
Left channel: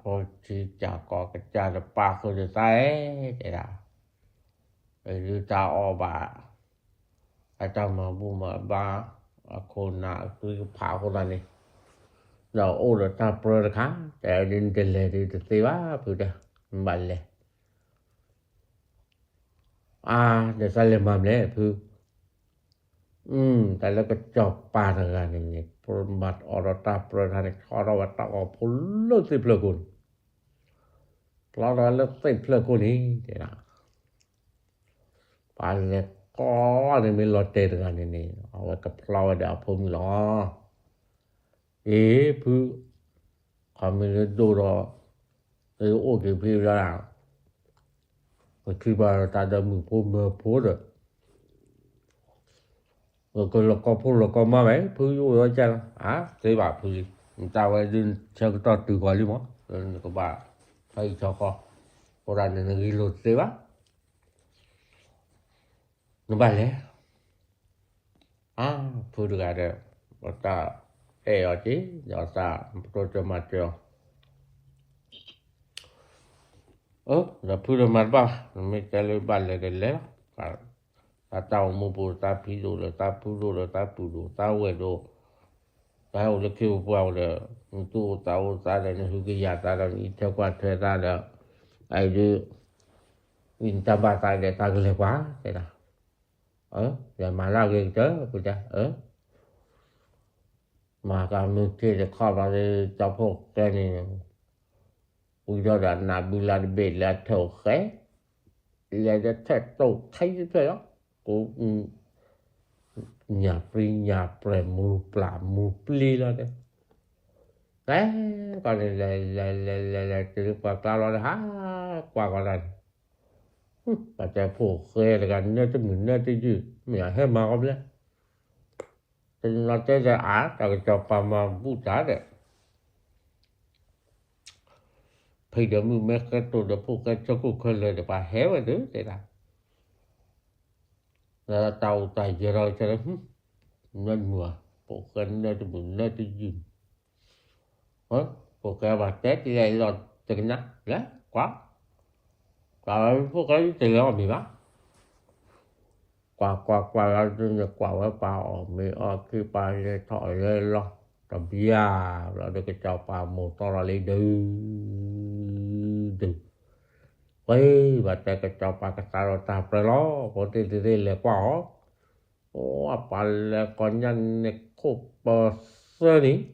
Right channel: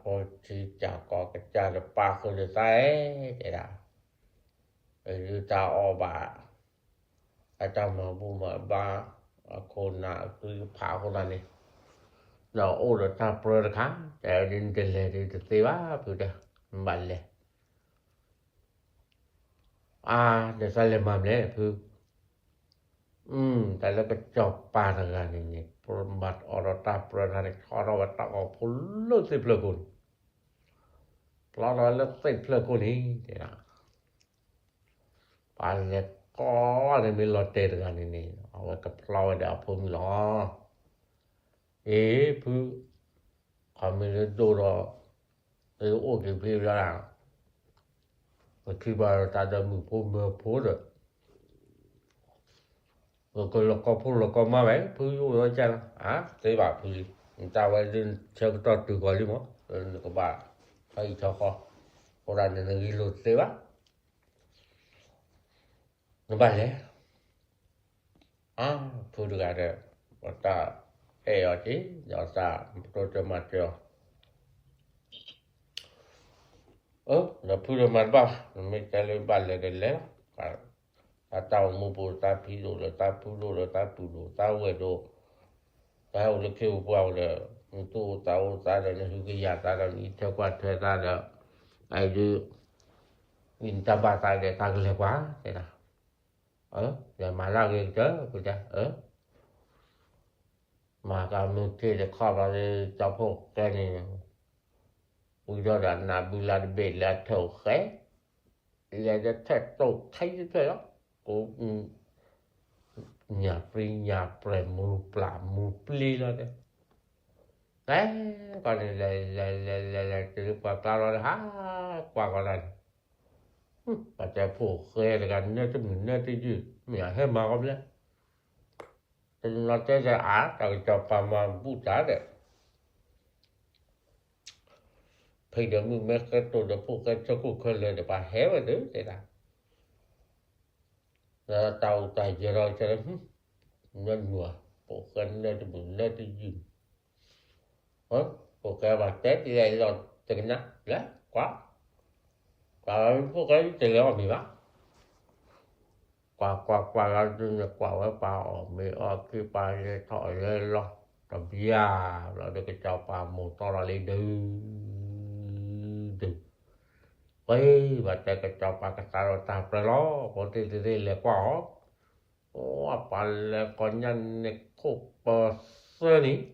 พอที่จะกอกจาปาก็จะใส่เด้อหรือตาออบาอาจารย์มาบุมาบาคนน่ะคือผาคนนั้นนี่เราโอ้เราตาเปรอะค่ะแต่ดินเดลเลยดิสิว่าพูดบัลเลยเดี๋ยวใส่เลยมาเลยพูดแต่แล้วก็จบปาทางานนี่ปรมัดอรตาเปรอะนี่ขอเราว่าตาออกพุ่นเลิกสิเพลกุนเราเลิกสิเพลกุนนี่เด้อปานเนี่ยก็เนี่ยมีรถเตะกันนี่เอาไว้กับเราเดี๋ยวผมรอผู้เขาไม่ได้ดูหรอกโอเคพี่แล้วก็คือว่าตาดำมือผมมาพูดก็เราก็มาไหมผู้อยู่ว่าจังใช่ป่ะผู้ตาไว้ดินเช่าต่อตื่นก่อนหรือมั้งก็ว่าให้ชอบก็คนนั้นนี่รถใช่ป่ะnó vale phu được ada bata oti jasa protomatio la phu de marba me tele balle de le tao mu pu ta pi do le ta pu do le ta tu do ta we do ta o le ke o kwa le tu ta o ta le hu ki ya ta le i te kwa te ta le ai de in ta ba ta le ta le quá thế nào giờ mà la ge chớ ku cha mà ka mu ke le kha ba le ta pho ke ni u do da na bu la de be la tho khe le de te to khai thế đó cô nhà pri nhà pre mu pla mu pli la de còn là từ qua tao là ha qua qua này bà cha phổ khê là gần nơi tới mình nơi tới gì mẹ hết mà không đấy thì nó tới ra á rồi cho bà mà vũ trả đấy thì được mình mấy cái tôi được phổ khê cho cô khê lên để bà héo rồi đấy thế là tàu tài giờ rồi cho nó nên mùa phổ khê nơi tới mình nơi tới gì phổ khê bà chết thì đây rồi chừng nát đấy quá phổ khê chừng đó mà bị lắm qua ra trên qua pa ở mẹ ở cái pa le thỏi le lo tập bia là được cái cháu pa một to là lên từ vậy và cái cháu pa cái ta ta pre lo có thể le qua ô pa le con nhân ne khop sơ ni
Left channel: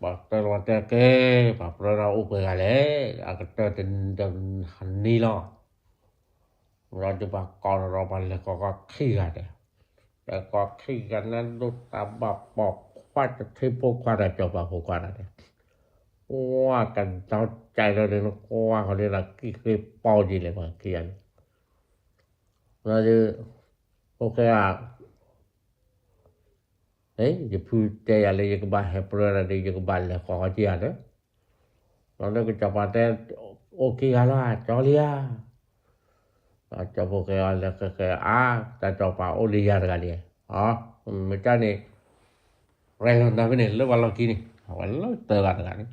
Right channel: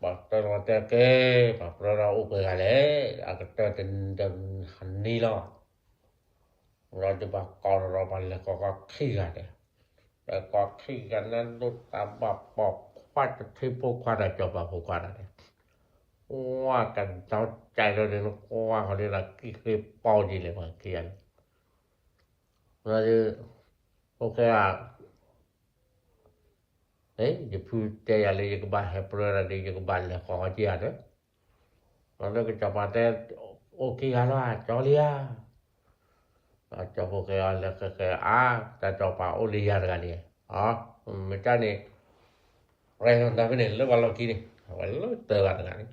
bà ta lo ta ke bà pre ra u pe le a cái tên ni lo rồi thì bà con rồi mà là có khi là đấy có khi là lúc ta bọc bọc qua cho thêm phố qua đây cho bà phố qua đây qua cần cháu chạy rồi đến nó qua họ đây là cái bao gì này mà kia rồi thì ok à đấy thì phu chạy là cái bà hẹp rồi là đi cái bà là có gì à đấy rồi nó cái cho bà đây ok là cho lia cho vô cái là cái ta cho vào olia ra đi mấy cái này rồi nó cái này lớp vào làm kia này họ lớp tờ ra cái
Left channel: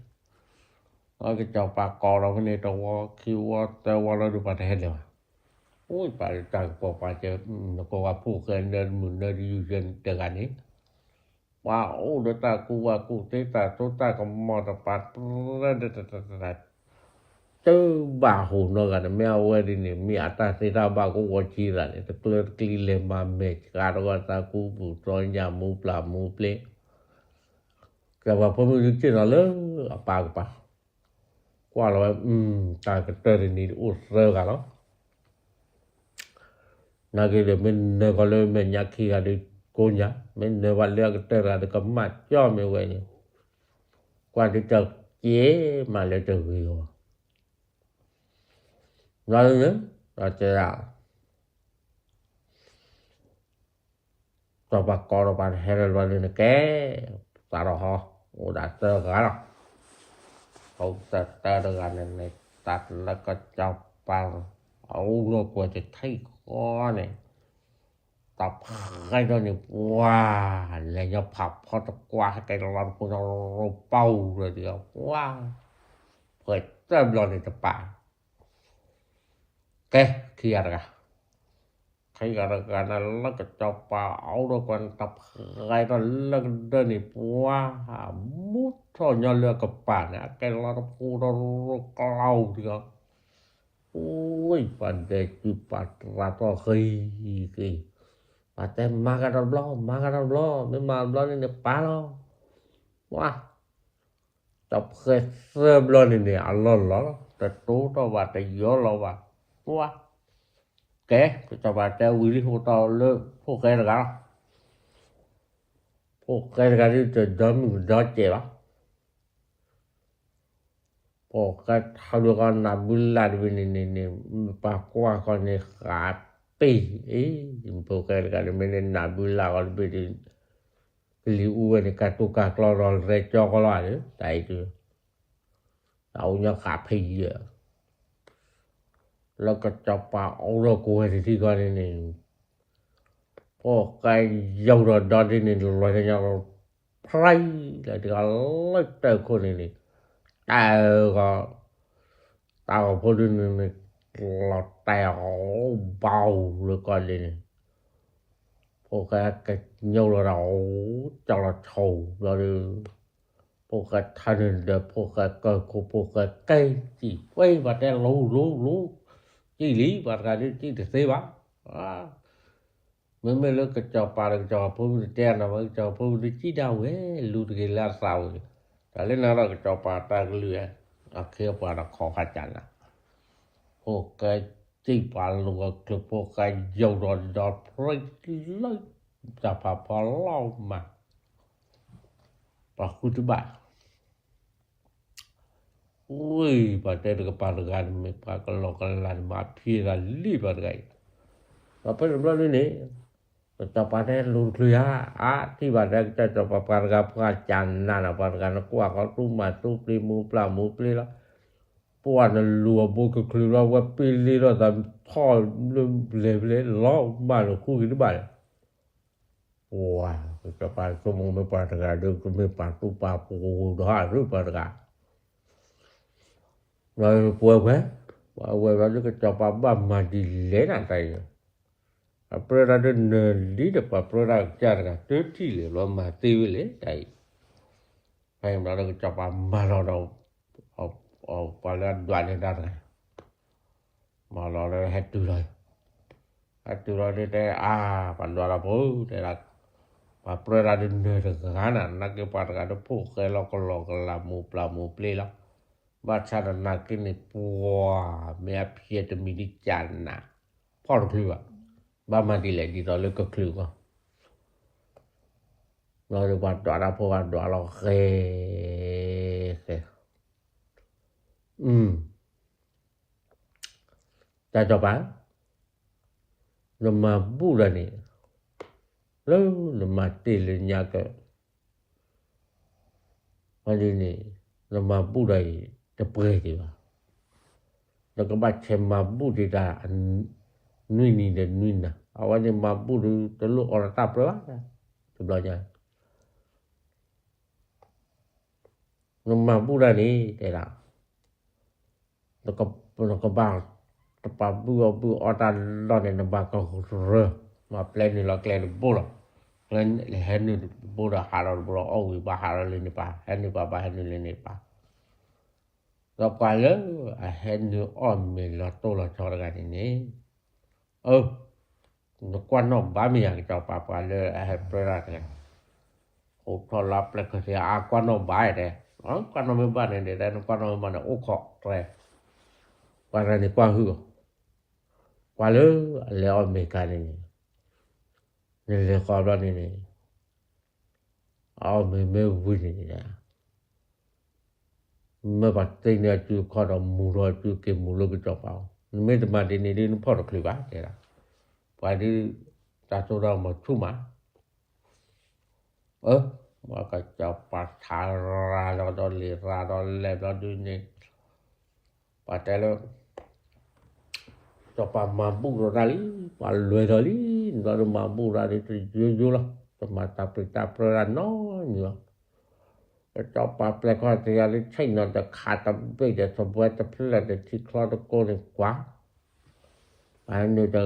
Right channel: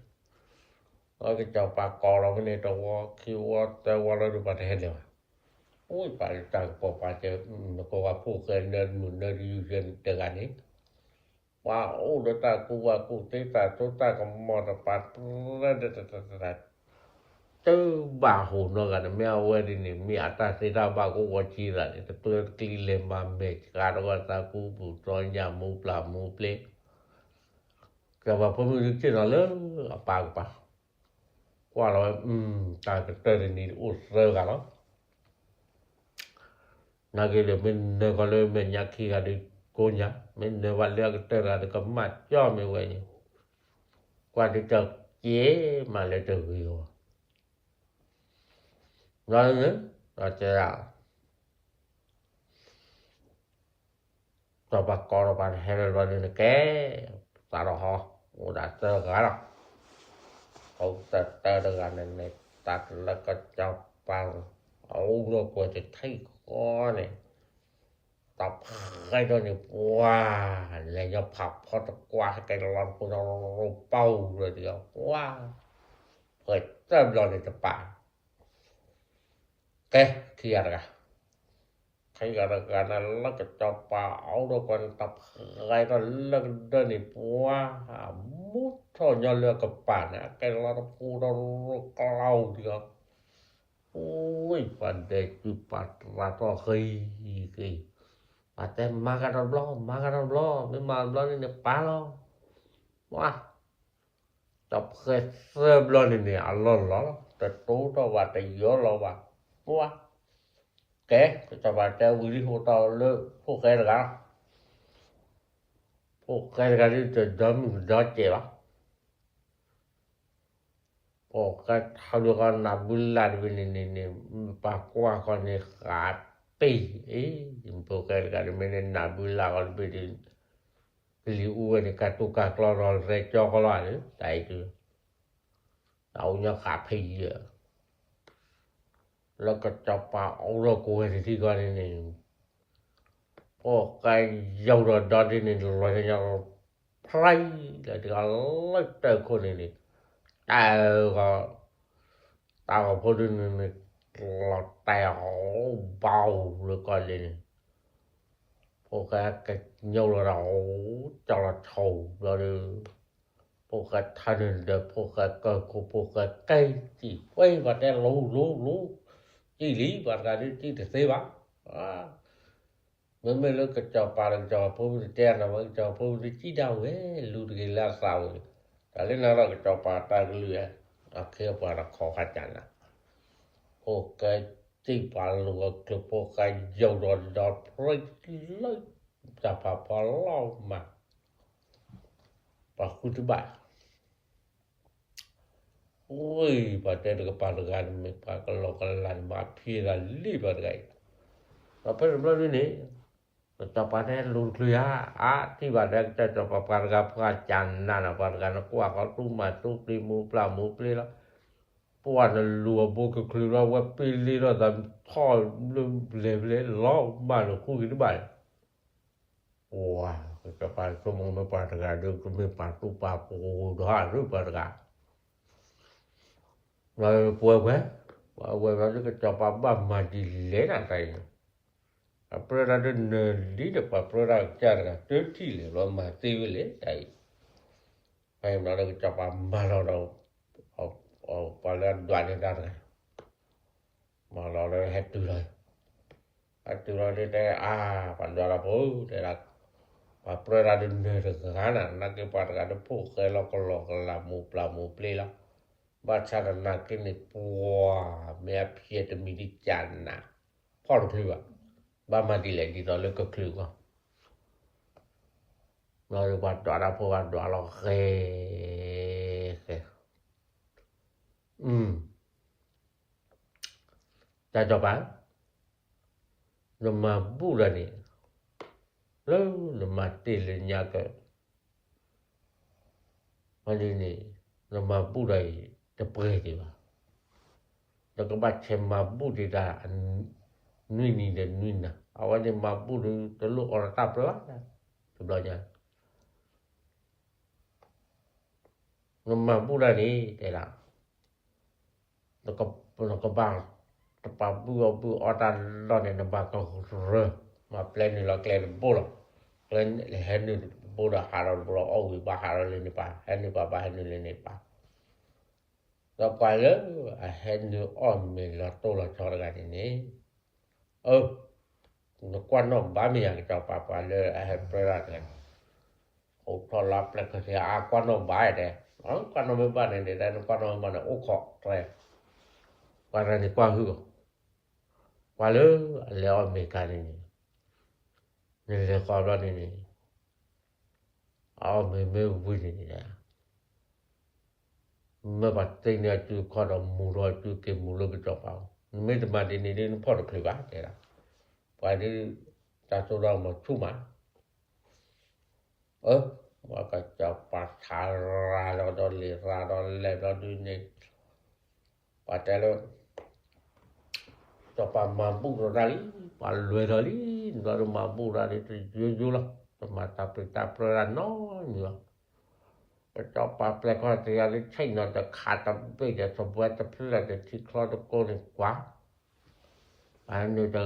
cái cho vào cò nó cái này trong kêu tờ vào nó được bắt hết rồi ôi phải ta có phải chơi nó có vào phụ cái đơn muốn đơn đi dân tờ cái này wow đứa ta cụ tế ta tôi ta còn mò tập bắt tu bà hồ nó gần mèo về đi nè mẹ ta sẽ ra bà cô có chi ra để tôi kli lên mà mẹ cả đó ta cô phụ cho nhà mua pla mua ple cái bà phụ nữ chỉ là lớn bà qua rồi ta cái tên này út rơ cả đó na cái để mình nơi có lên mình nhà khi là đi cô nhá mình nơi vào leo cái tên là được cấm mặt cho mình về nhỉ qua đi chợ chế mà lại chợ rồi rồi nữa là chơi à cho bà con bà hay là lên cái ta rồi họ đã chơi cả rồi không ta được này ta là có cháu bà ấu nó quay thì thấy có này tập hai đôi này wow là do học họ tập qua cái làm của nó bao rồi thì wow vậy ta rồi này tập bà cái khi ada cái nó cái cho bảo đâu còn tập ngay đó lần đơn này qua mút thôi nhau lừa cặp bản cái nó phu đâu cao thì đó ôi vấn đề chụp bắt ra to khi cái bắt em magadon lo mới mà lo này phá lo quá tập cái sơ lo này lo cái tú đó và cái gió lo và quá cái cho bà ta quý đi hồ to lớn hồ cái là đi từ đó mình đó chè đó hồ cái thao được con làm bún là bên này bà qua con này khá tì ấy hồ cái là bên này làm bún là con bên này cái liu này cả tu cả clo rồi cho con loại đấy tại chứ đâu nhá khá phì vậyแล้วก็จะปาเอาเรากูให้ที่ก่อนนี่พอไก่ยาวดอนนี่ลอยกันพลายแล้วที่อะไรเตอคนนี่แต่ก็ตาพอดีนี่ เราแต่เบาเลยก่อนเลยพวกcái nhiều là nó cho là thầu rồiพวกthân đượcพวกcơ củaพวกcây chỉ quay và cái lú chỉ lý và cái chỉ để xây bác mình lúc cái cho bà cho phụ tiền là mình cho phụ chỉ đâu ấy lú cái là sao cái nên là cho bà ta lừa kia bà là khó khăn chánพวกที่bà lúaคือพวกdầu đọt rồi lớnจะพาพอเล่ามาปะคุณบ้าโอ้ยปะแต่ก็ปะกันไม่ปะก็ลอกกันมาพี่ละลีบอะไรปะเป็นแบบนี้จะปะแต่ลุงเคลียที่บ้านจะปะปะกับพระจันทร์นั่นปะกันกว่าเขาตุ้มมาตุ้ปลีหมูปลาหมูปลีละปวนลัวบุกคือเราว่าปีลีเราทำท่อเลล้อมาแล้วคู่กันบ้านWah, kepada semua mepada ada kemepatu papu dah ru pada. Rồi puai baru kecapa bam madi lena tai. Apa ada li de pa produk jar ka ti lo ma ti le tai. Ai ma la kecapa malo do. Pala duan dah. Malo hatu rồi. Hatu rồi de pandora pu de apa ada kanan nak kepada ada puk kalau lamu plamu play lah baca dan nak ni puah mea pia demi di jana por keluar ba mandi lagi lalu ke keluar lalu buat doa apa doa lo ke ta coba nama bulan ni le mati le nyaga ali ni le mabu dai te pre di ba le ko ba che mabu di da nui ni de nui na awan ni mabu te lu ora ta pre sebelahnya le mabu da ni te la le ko ba te pa bu ora lo ni ba ko re ma plan ni la kle bol Lan hanu boda halal bro au ba halal ni pa hanu ba hanu ni pa la pala hanu on me la to la cho la ni no quan no ba mi ya cho pa le ha pra la o to la ple ko se quan no ba de quan no ba ne de quan no ma o kho toi para ni kwa hu kwa le on me ka ni le ko ba ni me vui ni me ba te ni tu ko do mu ro tu ke mu lo ke chop pa me de ma de ni ni pho do kri ba de la pa di ta so do ma thu ma ma ka cha pa tha ra do le do du ni pa ta lo cho pa ma bu ro ra pa lue ro li do ma bu ra di ju lo mata pita pra no ni cho pa ple ko te ya le chai no da kha ta pe de so bua ta ple de ti klo to ko ni kwa an ni da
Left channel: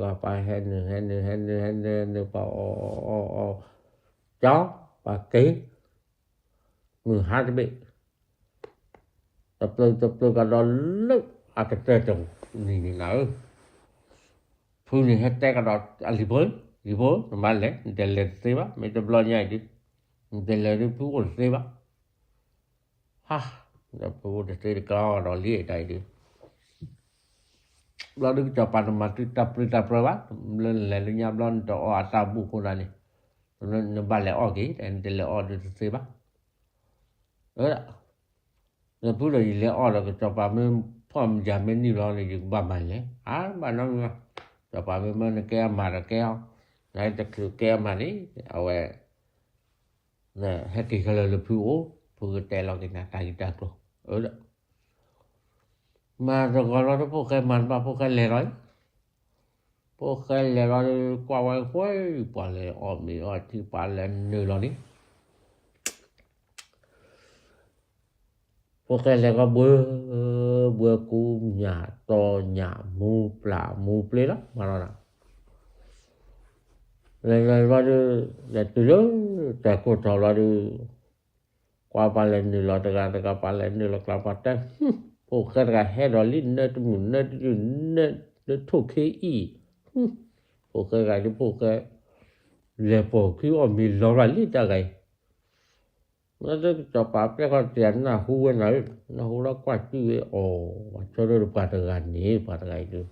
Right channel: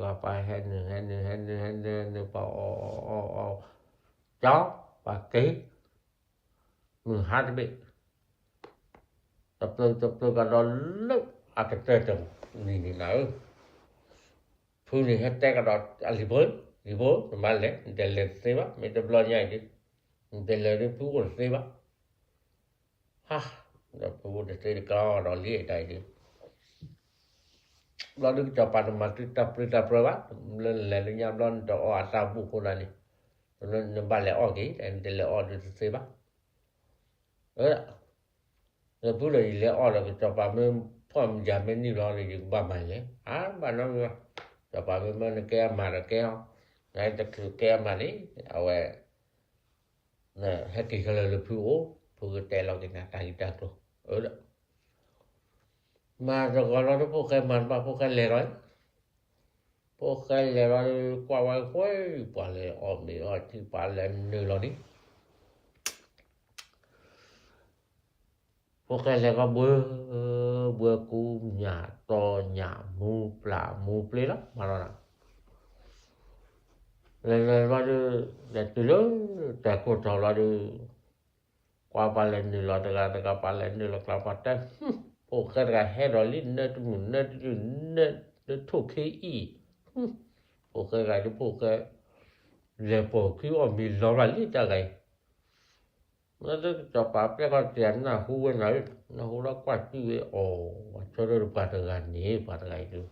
ga pa hen pa o chó pa ke người hát bị tập tư cả đó lúc cái tê trồng ni nào phu ni hết te cả đó Ribo, normale, delle seva, me de blogna di. Delle ripu seva. Da pu de te ka ro li dai di. Lo được cho pa ma tu ta prova, le nya blon to ata bu ko na ni. No vale o di, en delle o de seva. Le pu le o lo cho pa me pom ja me ni lo ni ba mai le. Ba no cho pa me ke ma ra ke Đấy cho kia mà đấy nè hết kỳ là phụ tè lo thì là tay ta cô đó mà rồi gọi nó phụ cái mà phụ cái lẻ rồi qua ngoài khối qua lẻ ôm bị thì qua lẻ nơi lo đi phụ cái lẻ có bơ บัวกูหญ้าตอหญ้าหมูปลาหมูเปลละมาละเลยtu lo ta ko ta la de qua palen ni la ta palen ni la klapa ta po ka he do lin na tu na tu na de to ke i po ka de po ka le po ki o mi lo la li ta ga nó cho pa pe ko tian na hu na hu la kwa ti o cho do pa ta ga ni pa ta ga tu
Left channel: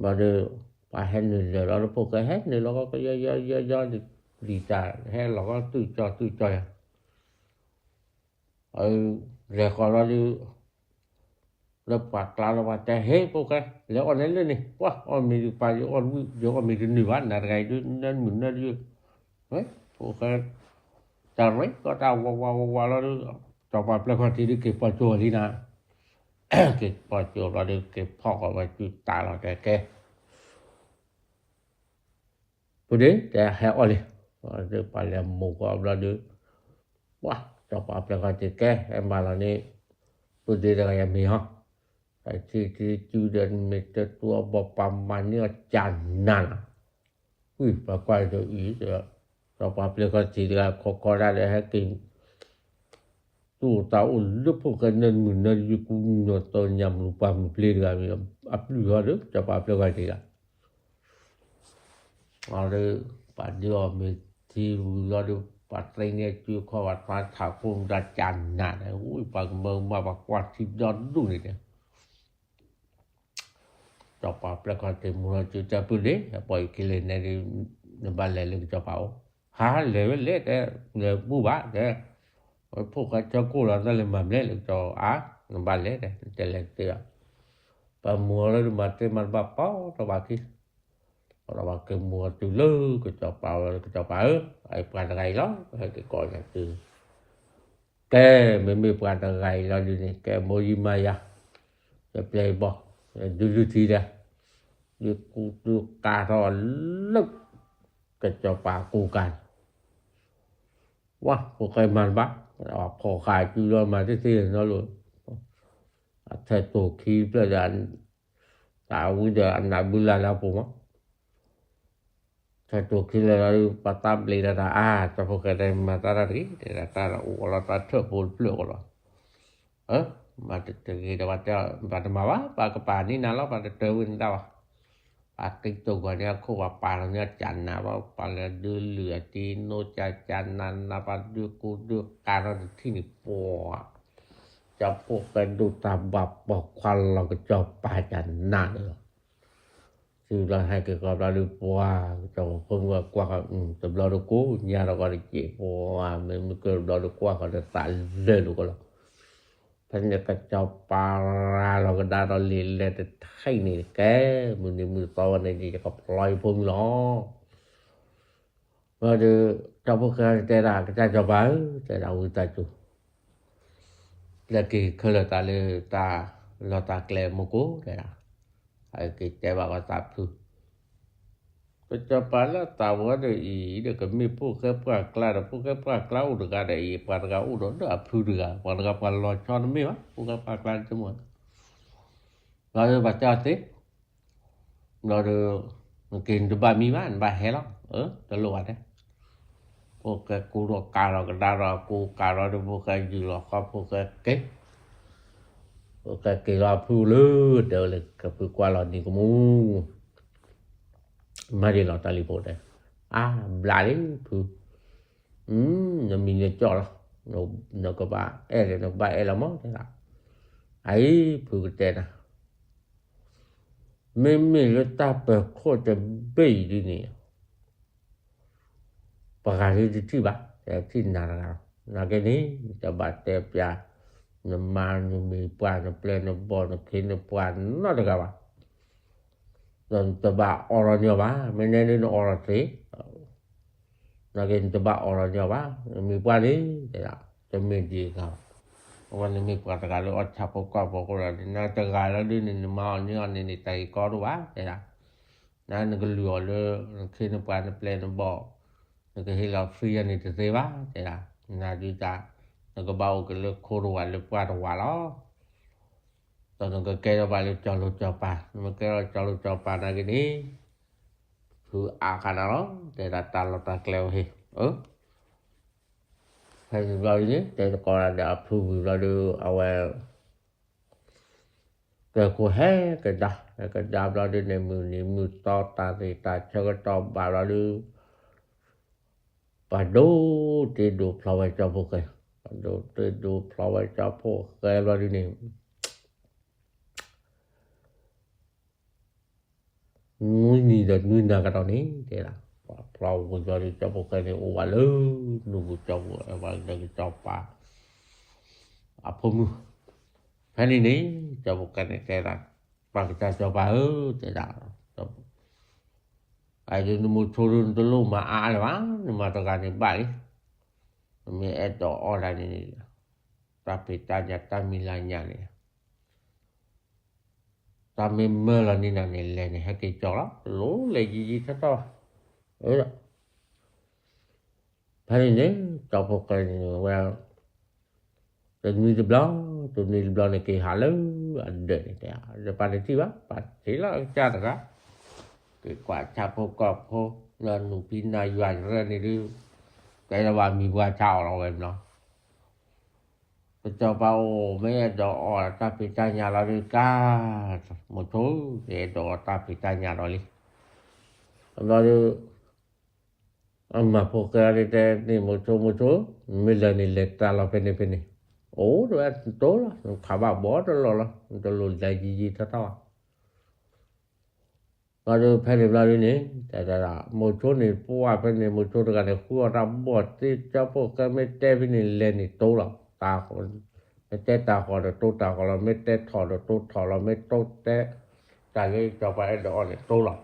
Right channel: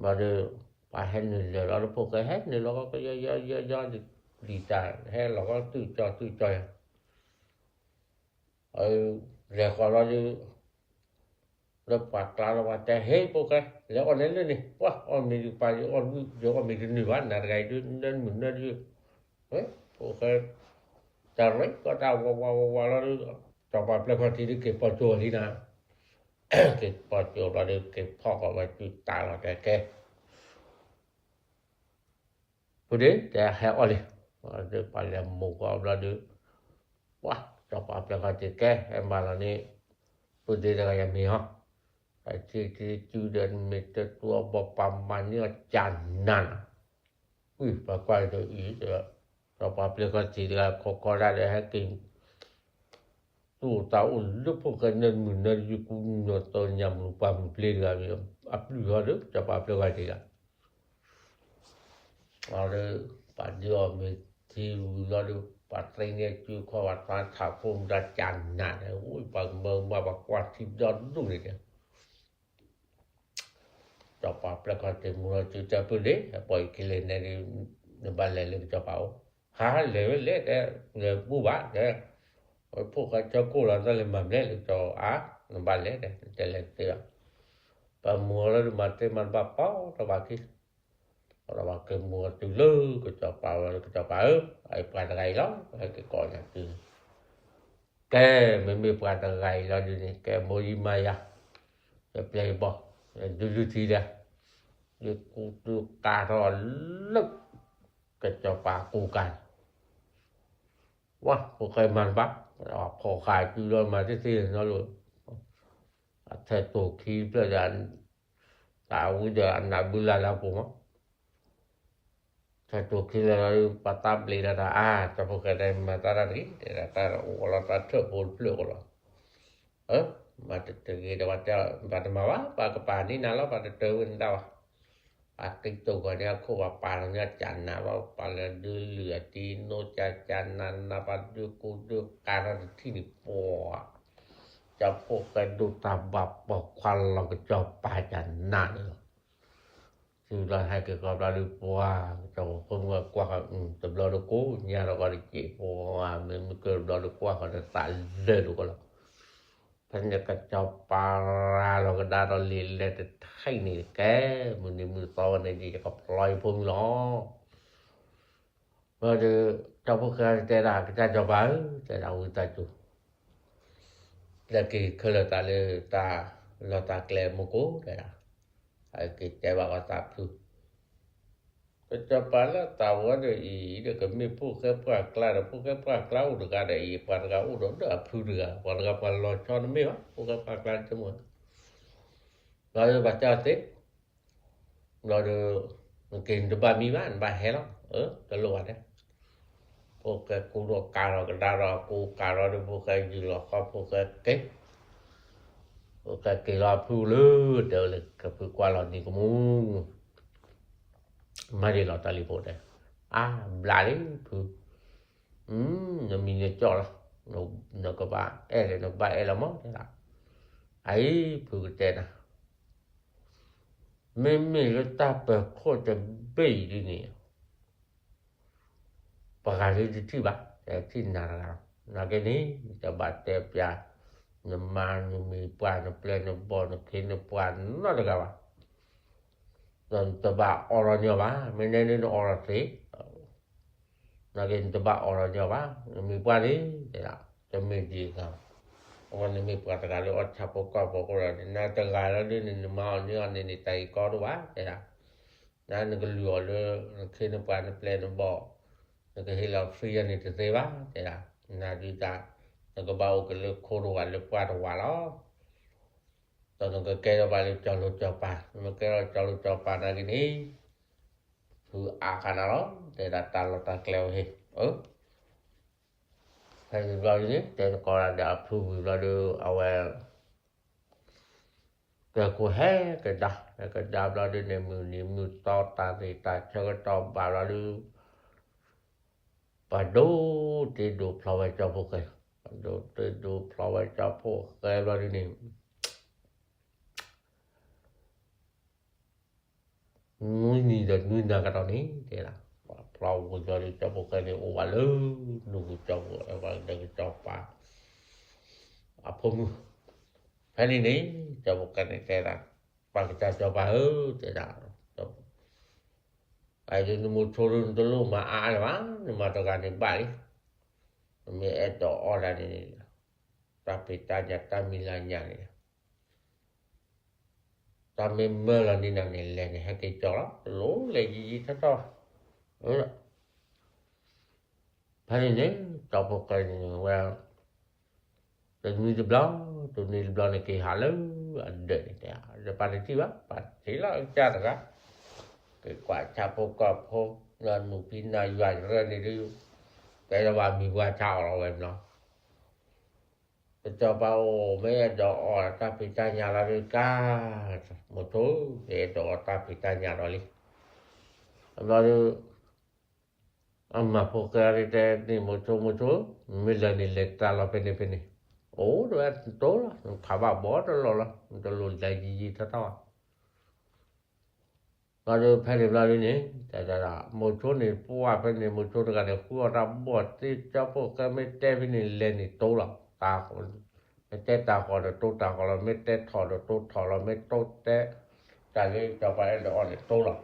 mà de pa hen ni le la po ka he ni lo ko ya đi ta he lo ko tu cho le ko la du le pa ta la wa ta he po ka le on le ni wa on mi pa on yo on mi ni wa na ga du nên mun na du po ka ta re ko ta wa la ta pa ple ko ti ke pa cho li na ke pa cho la de ke pho ko wa tu ta la de ke pu de ta he oli de pa le mo ko la de wa ta pa ple ko ti ke e ma la ni pu de da ya mi ha ti tu de me te tu ba pa ma ni chan nan pa kwa do i de ta pa ple ko ti da ko da de ha ki tu ta u lu po ka nen mun na yu ku no to nyam lu pa mu ple ga mi a plu ga de ta pa ple ko ti ga ale pa dio me ti lu ga de pa tre ne tu ko wa pa tha pum da chan na u pa mo ma ba kwa ti do du ni de ta pa ple ko ti mu tu cha tu de pa ki le ne ne ba le le ta pa ha le ne bu ba de po ka cho cô là nó lên mầm lên cho á nó ba lẽ này để lên kia và mùa nó mà trên mặt bạc có cho bà kia rồi cái mùa từ lư cái cho bảo ai qua ngày lắm cái coi là từ cái mình qua ngày là gì cái môi mai à cái play ball du thi ra du cà rò lức cái cho bà cụ cànว้าพวกใครมันบักพอขายคือเรามาที่ๆเนาะลูกถ้าตัวคีเพื่อดันตาวิจารณ์นับบุญแล้วผมถ้าตัวคีเราปตับเลยนะแต่พวกใครมาตาดีแต่ตาโอ้เราตาเถอะพูดเปลือกเรามาจะเจอเดี๋ยวว่าจะมาว่าปากกระป๋านี่นะแล้วมาจะเจอวันดาวปากตัวเนี่ยคู่ว่าปลาเนี่ยจันนะว่าปลาดูเหลือจีโนจันนันนะปลาดูกูดูการที่นี่ปอจะพวกกันดูตาบับบอกควันเราก็จะปลาจันนันคือเราให้เกิดกับเราดูปัวจะคงว่ากว่าแต่เราดูกูเนี่ยเราก็ได้เจ็บปัวมันเกิดเราดูกว่าก็จะตายเลยดูกันท่านจะกระเจ้าปลาเราก็ได้เราเรียนเลยแต่ไทยนี่แกมือในมือตอนนี้จะก็ปล่อยพุ่งล้อว่าจะเจ้าพวกกันแต่ละก็จะบ้าแต่เราตาจุแล้วก็เคยตาเลยตาเราตาแกลมโก้แต่ไอ้ก็จะว่าตาคือจะปลาแล้วตาว่าเดี๋ยวเดี๋ยวก็มีพวกแค่ปลากล้าพวกแค่ปลากล้าอุดกันได้ปลากล้าอุดได้พูดกันปลากล้าปลาลอยช้อนไม่วะพวกแค่ปลากล้าจะหมดเราจะบัดจ่าติเราจะกินตัวบะหมี่มันบะแห้งตลอดเนี่ยพวกแค่กูรอกาเราก็ได้เรากูกาเราดูพวกแค่อยู่เราก็พวกแค่เก็บพวกแค่กี่เราพูดเลยเดี๋ยวเลยก็พูดกว่าเราดีกว่ามูมาดีเราตาลีโบดเลยบลาเลยพูดเรามีเงินจ่อแล้วเราก็บ้าเราบ้าเรามั่งใช่ไหมไอ้พูดเจนะไม่ก็ตาเปิดโคตรจะเบี้ยดีนี่ประกาศที่บ้านแต่ที่นาแค่นี้จะบาดเจ็บยาน้ำมันมีปลาน้ำเปลือยน้ำบอลน้ำเค็มน้ำปลานั่นก็ว่าตอนจะบาดอรเนี่ยว่าไม่แน่นี่อรสินาแค่จะบาดอรเนี่ยว่ามีปลานี้แต่จะไม่ดีครับวันนี้มีปลาตะการแล้วชับปกปกเราน่าตะการแล้วด้วยนี่มาเนี่ยนี่ไตก็รู้ว่าแต่นั่นก็เหลือเลยคือน้ำปลาน้ำเปลือยน้ำบอลนั่นก็ให้เราฟรีนี่จะเสียว่าแต่น่าดีใจนั่นก็เบากันเลยโคตรหวานเลยปลาหวานแล้ว ตอนนั้นก็แกว่าจอรถจอปามันก็จอรถจอปาได้นี่ คืออาคารเนาะแต่ละตาละตาเกลวเฮให้เรานี่แต่ก็ได้อัพทูเราดูเอาไว้แต่ก็ให้ก็ดาเราดูในมือต่อตาที่ตาเชก็ต่อบาเราดูปะดูที่ดูพลอยเจ้าพวกเลยปะดูที่ดูพลอยเจ้าพวกเราดูนี่นี่เด็กนี่นะกันตอนนี้เดี๋ยว Plau dari capo kene o wale no capo wale dari capa apa mu hani ni capo kene tera pa kita coba tera ai ni mu turun dulu ma ai wang ma tegane bai mi eto orang ini tapi tanya tamilanya ni kami melani nani leni haki cola lo lagi kata Pani ni capo kene well Tên mi blanc này kỳ hạ lớn để depan itu ba pasti lah cara lah ke kwa chapo kopo na nupina yuan re ni du cái wa mi wa chao lo em lo cho bao mấy đồ ta bị ta nhà là đi ca một số để đồ ta bị ta nhà rồi đi rồi amma pokari te ni một số mình ni letta la pene rồi tối là khá bỏ rồi nó lùi lại gì thật đó rồi phải làm lại đi tại là một số này qua bên này một số cái khu ra bỏ thì cho bộ cái mấy té bên này lên thì tối lắm ta còn mấy té ta còn là tối ta còn là mấy té thọ là tối thọ là mấy tối té tại vì cho phải đó là tối lắm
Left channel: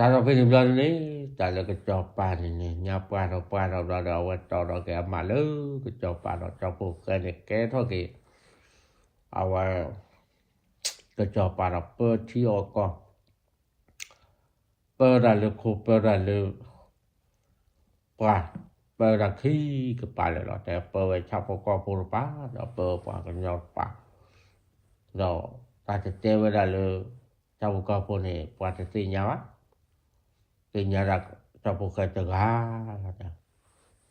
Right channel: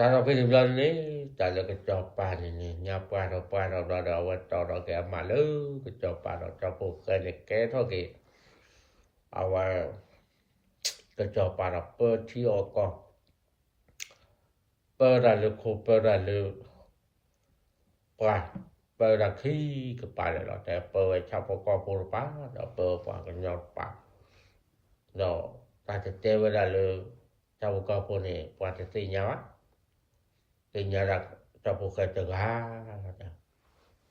ta nó phải làm lại đi tại là cái cho pa này nhà pa đó cái mà lớn cái cho pa đó cho bộ cái này cái thôi kì cái cho pa đó bơ chi ở con bơ là được khu bơ là được pa bơ là khi cái pa đóแต่bơไว้ชอบพอปูpa đó bơ pa cái nhau pa đó taจะเจอเวลาเลยชอบพอปูนี่paจะสิญาPinyara capo kata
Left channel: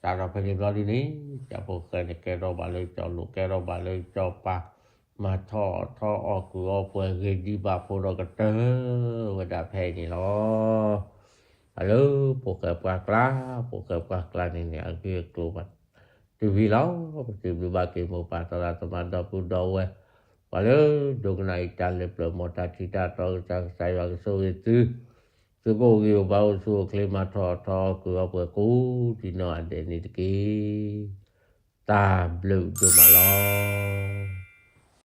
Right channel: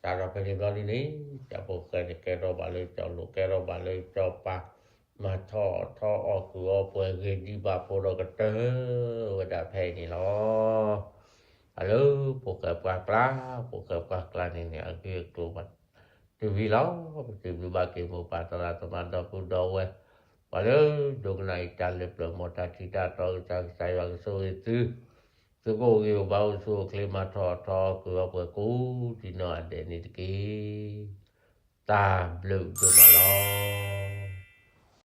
cara penjual ini capo kero baloi calo kero baloi copa ma tho aku apa di bapuro kata wada phe ni lo halo poka ini aku keluar TV lo TV bagi mo patara teman dapu dawe halo dong naik tale promota kita tahu saya so itu Tôi có yêu bao số klima thọ cửa bờ cũ thì nó để đi cái ta blue cho mà lo